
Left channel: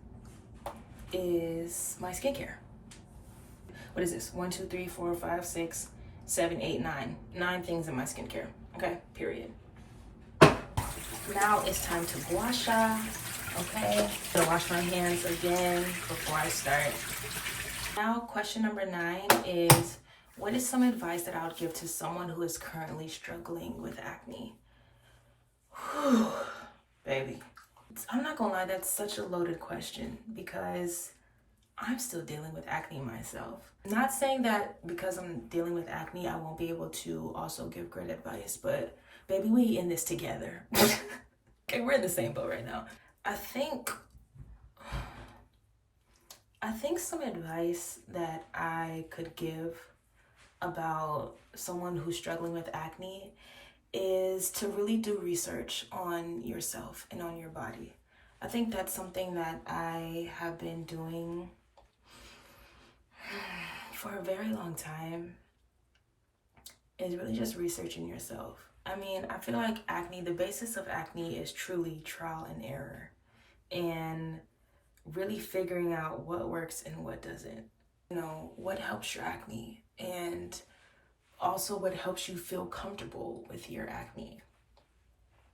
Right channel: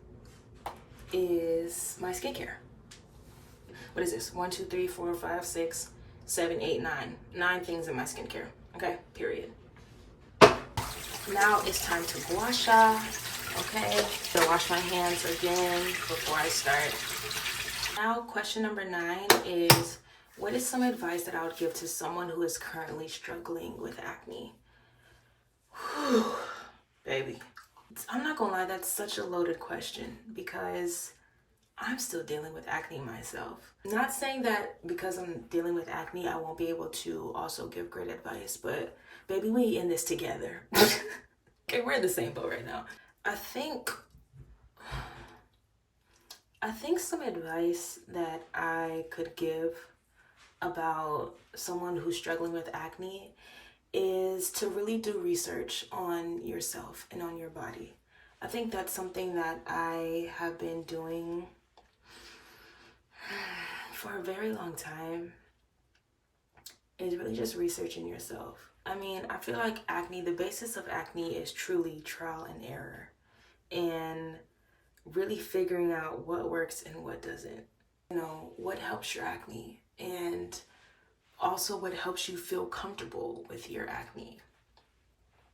is my skincare. What is this? 1, 2, 3, 4, 5, 6, 7, 8, 9. 9 things in my skincare, okay? Period. Now it's time to gua sha, okay? So wash my hands again before I start. Now, question number 9 is, what is some advice that I would give to someone who is currently struggling with acne? Whew, baby. I'm not gonna lie, that's such a loaded question because I'm still dealing with acne myself. Not saying that because I'm dealing with acne, I won't be able to also give great advice, but baby, we in this together. Okay, we're in the same boat right now. I think some advice that I could give about someone who's struggling with acne is to really do research on yourself and on your body. I think that's something that I have been doing for a very long time, is really just researching yourself. I mean, I feel like acne, the basis of acne is truly trial and error and really figuring out what works and what doesn't. You know, what helps your acne and also what helps you feel comfortable with your acne.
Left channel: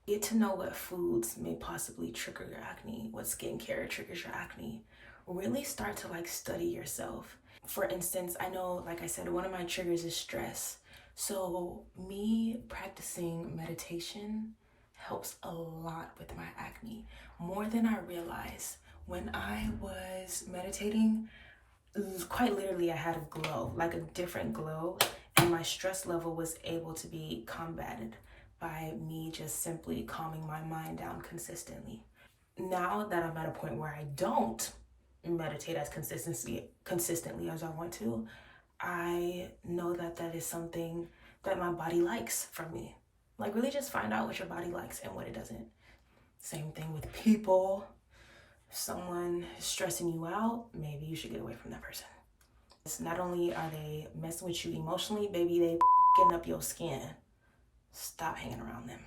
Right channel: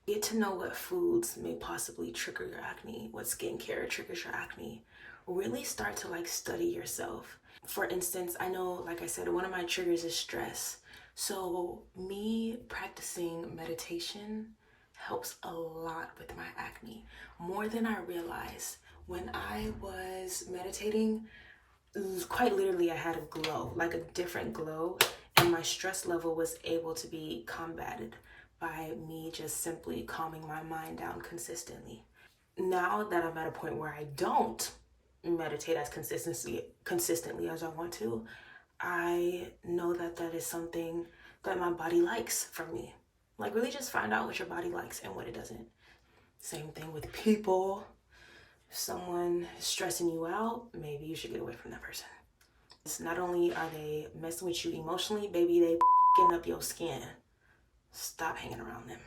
Get to know what foods may possibly trigger your acne, what skincare triggers your acne. Really start to study yourself. For instance, I know, like I said, one of my triggers is stress. So me practicing meditation helps a lot with my acne, more than I realized. When I was meditating, quite literally I had a glow, like a different glow, and my stress level was able to be combated by me just simply calming my mind down consistently. Now that I'm at a point where I don't meditate as consistently as I want to, I know that that is something that my body likes from me. Really just find out what your body likes and what it doesn't. Same thing with people. If someone is stressing you out, maybe you should get away from that person. It's not only are they messing with you emotionally, baby, they f***ing up your skin. Stop hanging around them.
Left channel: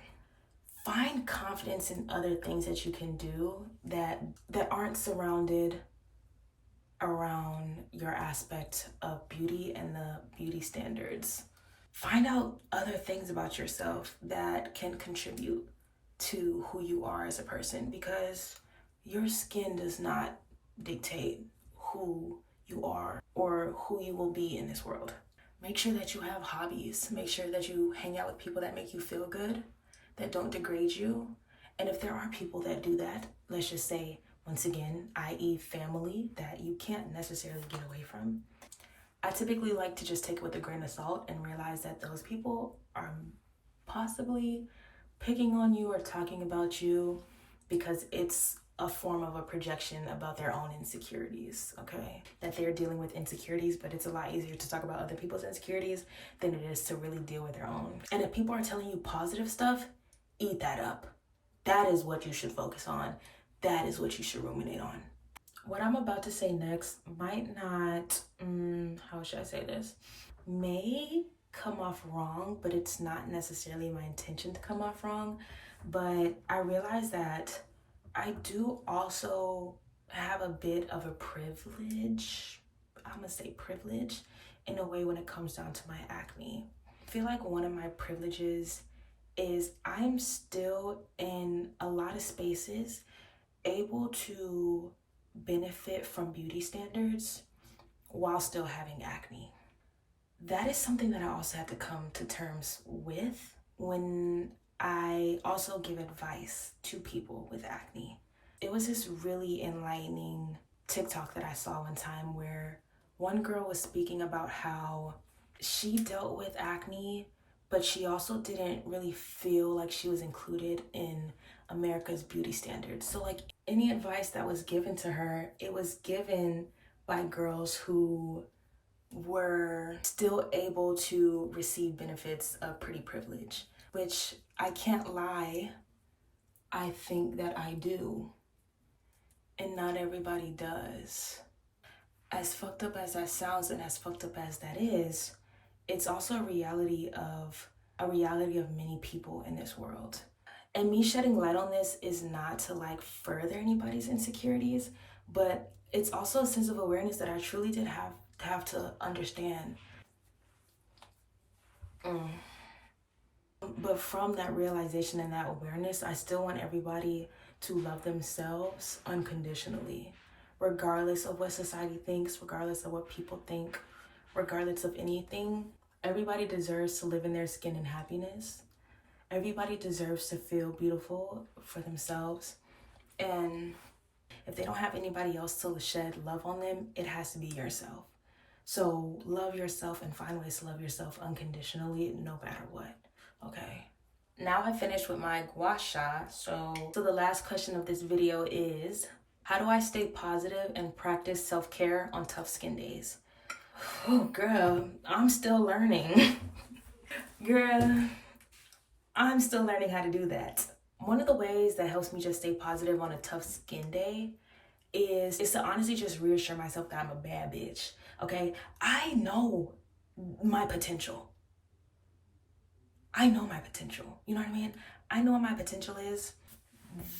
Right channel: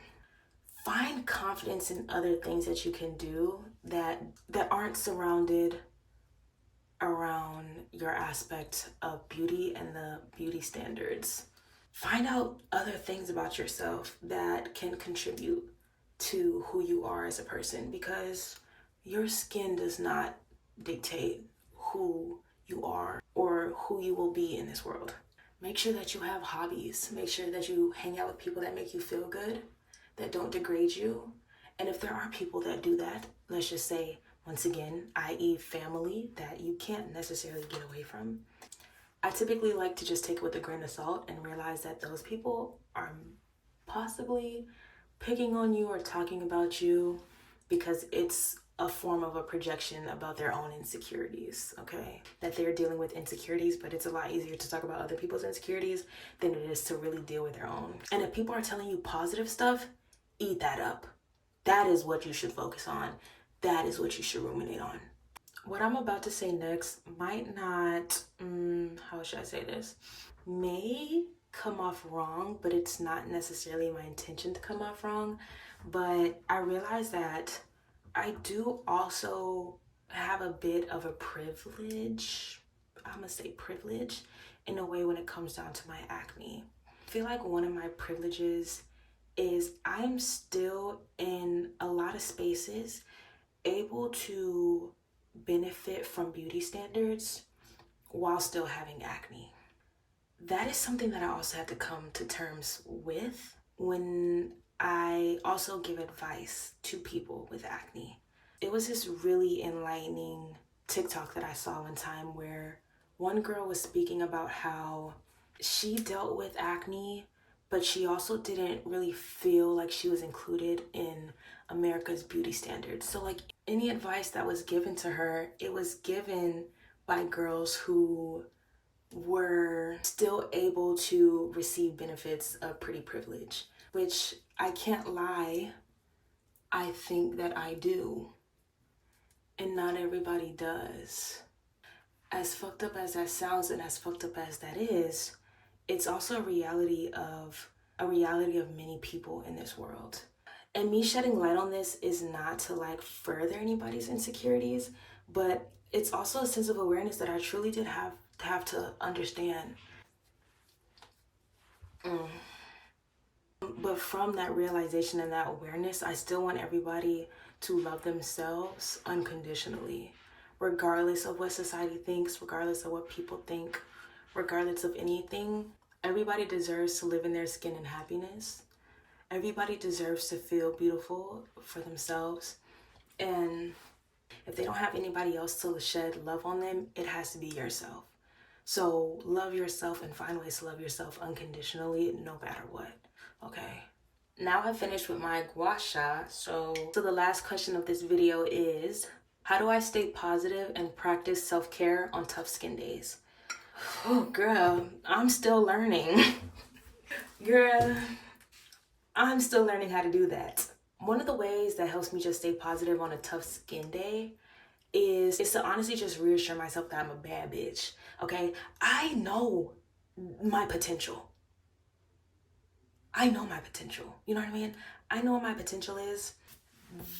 Find confidence in other things that you can do that aren't surrounded around your aspect of beauty and the beauty standards. Find out other things about yourself that can contribute to who you are as a person, because your skin does not dictate who you are or who you will be in this world. Make sure that you have hobbies. Make sure that you hang out with people that make you feel good, that don't degrade you. And if there are people that do that, let's just say, once again, i.e. family that you can't necessarily get away from, I typically like to just take it with a grain of salt and realize that those people are possibly picking on you or talking about you because it's a form of a projection about their own insecurities, okay? That they're dealing with insecurities, but it's a lot easier to talk about other people's insecurities than it is to really deal with their own. And if people are telling you positive stuff, eat that up. That is what you should focus on. That is what you should ruminate on. What I'm about to say next might not, how should I say this? May come off wrong, but it's not necessarily my intention to come off wrong. But I realize that I do also have a bit of a privilege. I'm gonna say privilege in a way when it comes down to my acne. I feel like one of my privileges is I'm still in a lot of spaces able to benefit from beauty standards while still having acne. That is something that I also have to come to terms with when I also give advice to people with acne. It was this really enlightening TikTok that I saw one time where one girl was speaking about how she dealt with acne, but she also didn't really feel like she was included in America's beauty standards. So like any advice that was given to her, it was given by girls who were still able to receive benefits of pretty privilege, which I can't lie, I think that I do. And not everybody does. As fucked up as that sounds and as fucked up as that is, it's also a reality of many people in this world. And me shedding light on this is not to like further anybody's insecurities, but it's also a sense of awareness that I truly did have to understand. But from that realization and that awareness, I still want everybody to love themselves unconditionally, regardless of what society thinks, regardless of what people think, regardless of anything. Everybody deserves to live in their skin in happiness. Everybody deserves to feel beautiful for themselves. And if they don't have anybody else to shed love on them, it has to be yourself. So love yourself and find ways to love yourself unconditionally, no matter what. Okay. Now I've finished with my gua sha. So the last question of this video is, how do I stay positive and practice self-care on tough skin days? Oh, girl, I'm still learning. Girl, I'm still learning how to do that. One of the ways that helps me just stay positive on a tough skin day is to honestly just reassure myself that I'm a bad bitch. Okay, I know my potential. I know my potential. You know what I mean? I know what my potential is.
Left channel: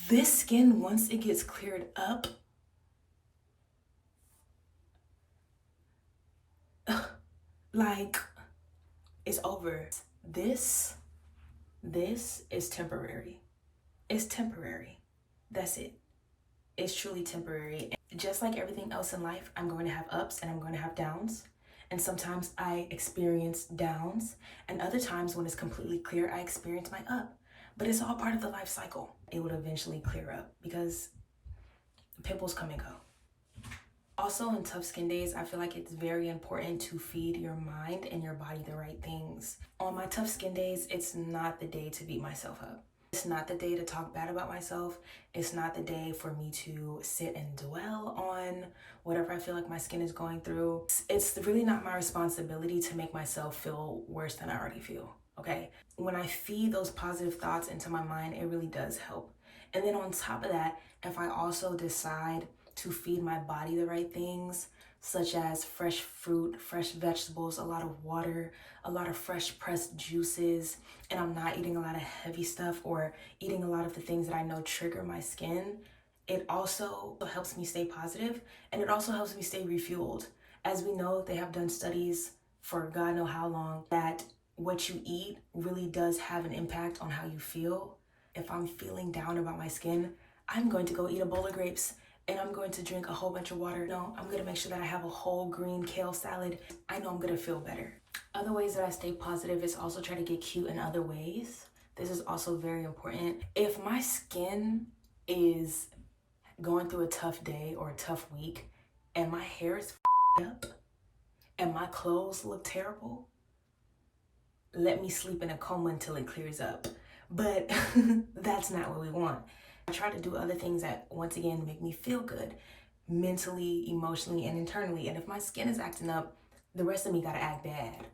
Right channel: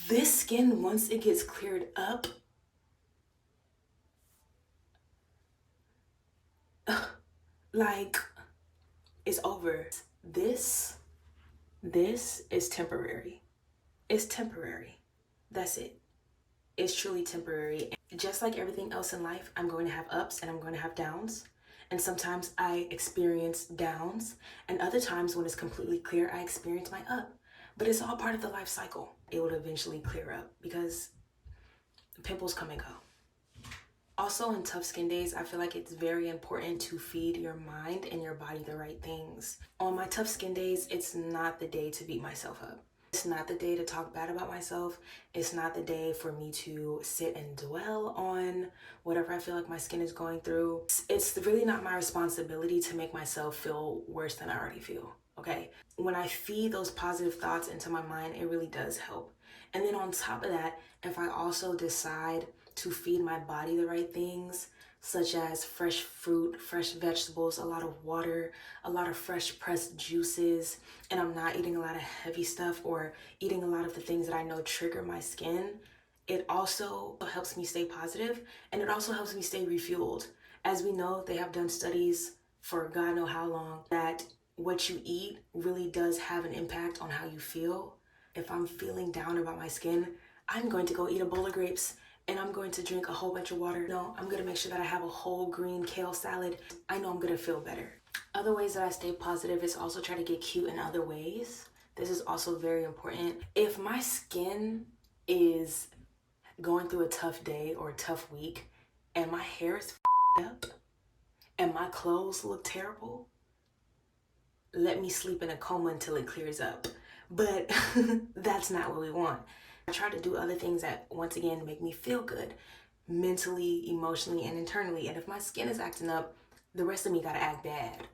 This skin, once it gets cleared up, like, it's over. This is temporary. It's temporary. That's it. It's truly temporary. Just like everything else in life, I'm going to have ups and I'm going to have downs. And sometimes I experience downs, and other times when it's completely clear, I experience my up. But it's all part of the life cycle. It will eventually clear up because pimples come and go. Also, in tough skin days, I feel like it's very important to feed your mind and your body the right things. On my tough skin days, it's not the day to beat myself up. It's not the day to talk bad about myself. It's not the day for me to sit and dwell on whatever I feel like my skin is going through. It's really not my responsibility to make myself feel worse than I already feel, okay? When I feed those positive thoughts into my mind, it really does help. And then on top of that, if I also decide to feed my body the right things, such as fresh fruit, fresh vegetables, a lot of water, a lot of fresh pressed juices, and I'm not eating a lot of heavy stuff or eating a lot of the things that I know trigger my skin, it also helps me stay positive, and it also helps me stay refueled. As we know, they have done studies for God know how long that what you eat really does have an impact on how you feel. If I'm feeling down about my skin, I'm going to go eat a bowl of grapes and I'm going to drink a whole bunch of water. No, I'm gonna make sure that I have a whole green kale salad. I know I'm gonna feel better. Other ways that I stay positive is also try to get cute in other ways. This is also very important. If my skin is going through a tough day or a tough week and my hair is up and my clothes look terrible, let me sleep in a coma until it clears up. But that's not what we want. I try to do other things that, once again, make me feel good mentally, emotionally, and internally. And if my skin is acting up, the rest of me gotta act bad.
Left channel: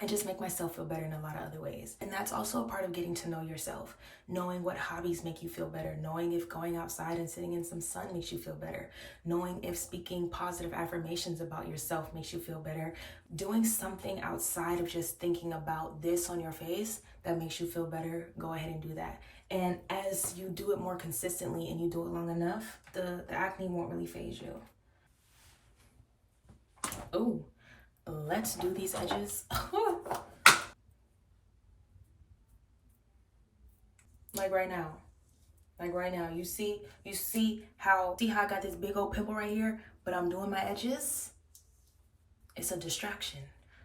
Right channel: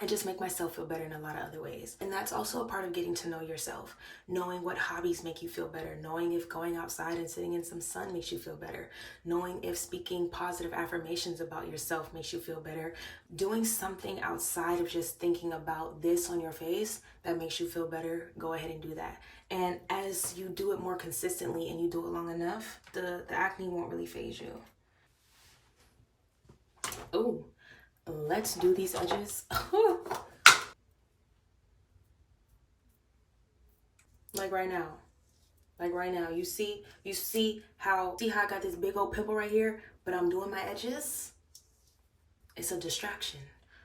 and just make myself feel better in a lot of other ways. And that's also a part of getting to know yourself, knowing what hobbies make you feel better, knowing if going outside and sitting in some sun makes you feel better, knowing if speaking positive affirmations about yourself makes you feel better, doing something outside of just thinking about this on your face that makes you feel better. Go ahead and do that. And as you do it more consistently and you do it long enough, the acne won't really phase you. Oh, let's do these edges. Like right now. Like right now. You see how I got this big old pimple right here, but I'm doing my edges? It's a distraction.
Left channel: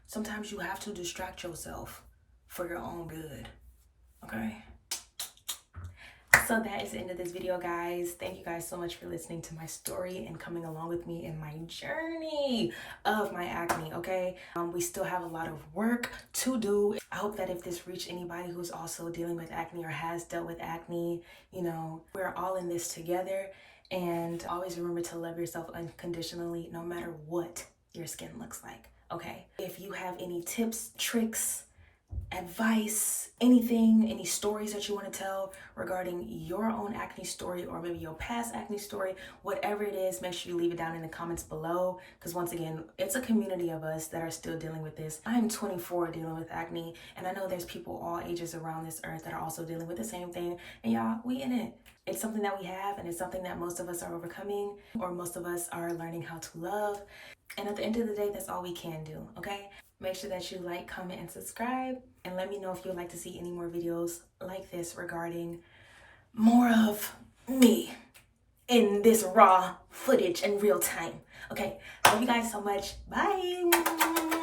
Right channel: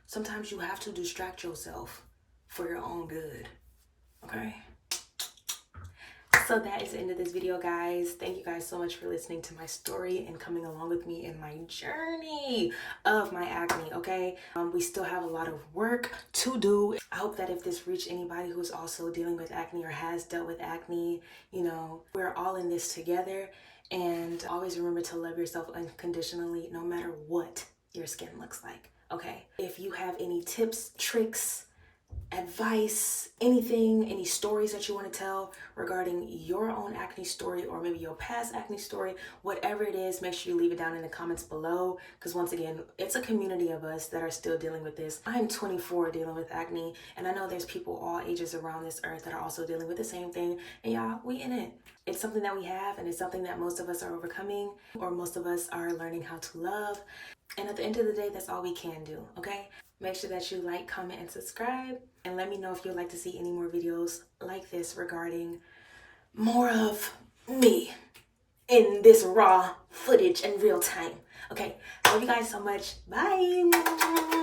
Sometimes you have to distract yourself for your own good. Okay? So that is the end of this video, guys. Thank you guys so much for listening to my story and coming along with me in my journey of my acne, okay? We still have a lot of work to do. I hope that if this reached anybody who's also dealing with acne or has dealt with acne, you know, we're all in this together. And always remember to love yourself unconditionally, no matter what your skin looks like, okay? If you have any tips, tricks, advice, anything, any stories that you want to tell regarding your own acne story or maybe your past acne story, whatever it is, make sure you leave it down in the comments below, because once again, it's a community of us that are still dealing with this. I'm 24 dealing with acne, and I know there's people all ages around this earth that are also dealing with the same thing, and y'all, we in it. It's something that we have, and it's something that most of us are overcoming, or most of us are learning how to love. And at the end of the day, that's all we can do, okay? Make sure that you like, comment, and subscribe. And let me know if you'd like to see any more videos like this regarding more of me in this raw footage in real time. Okay, love you guys so much. Bye.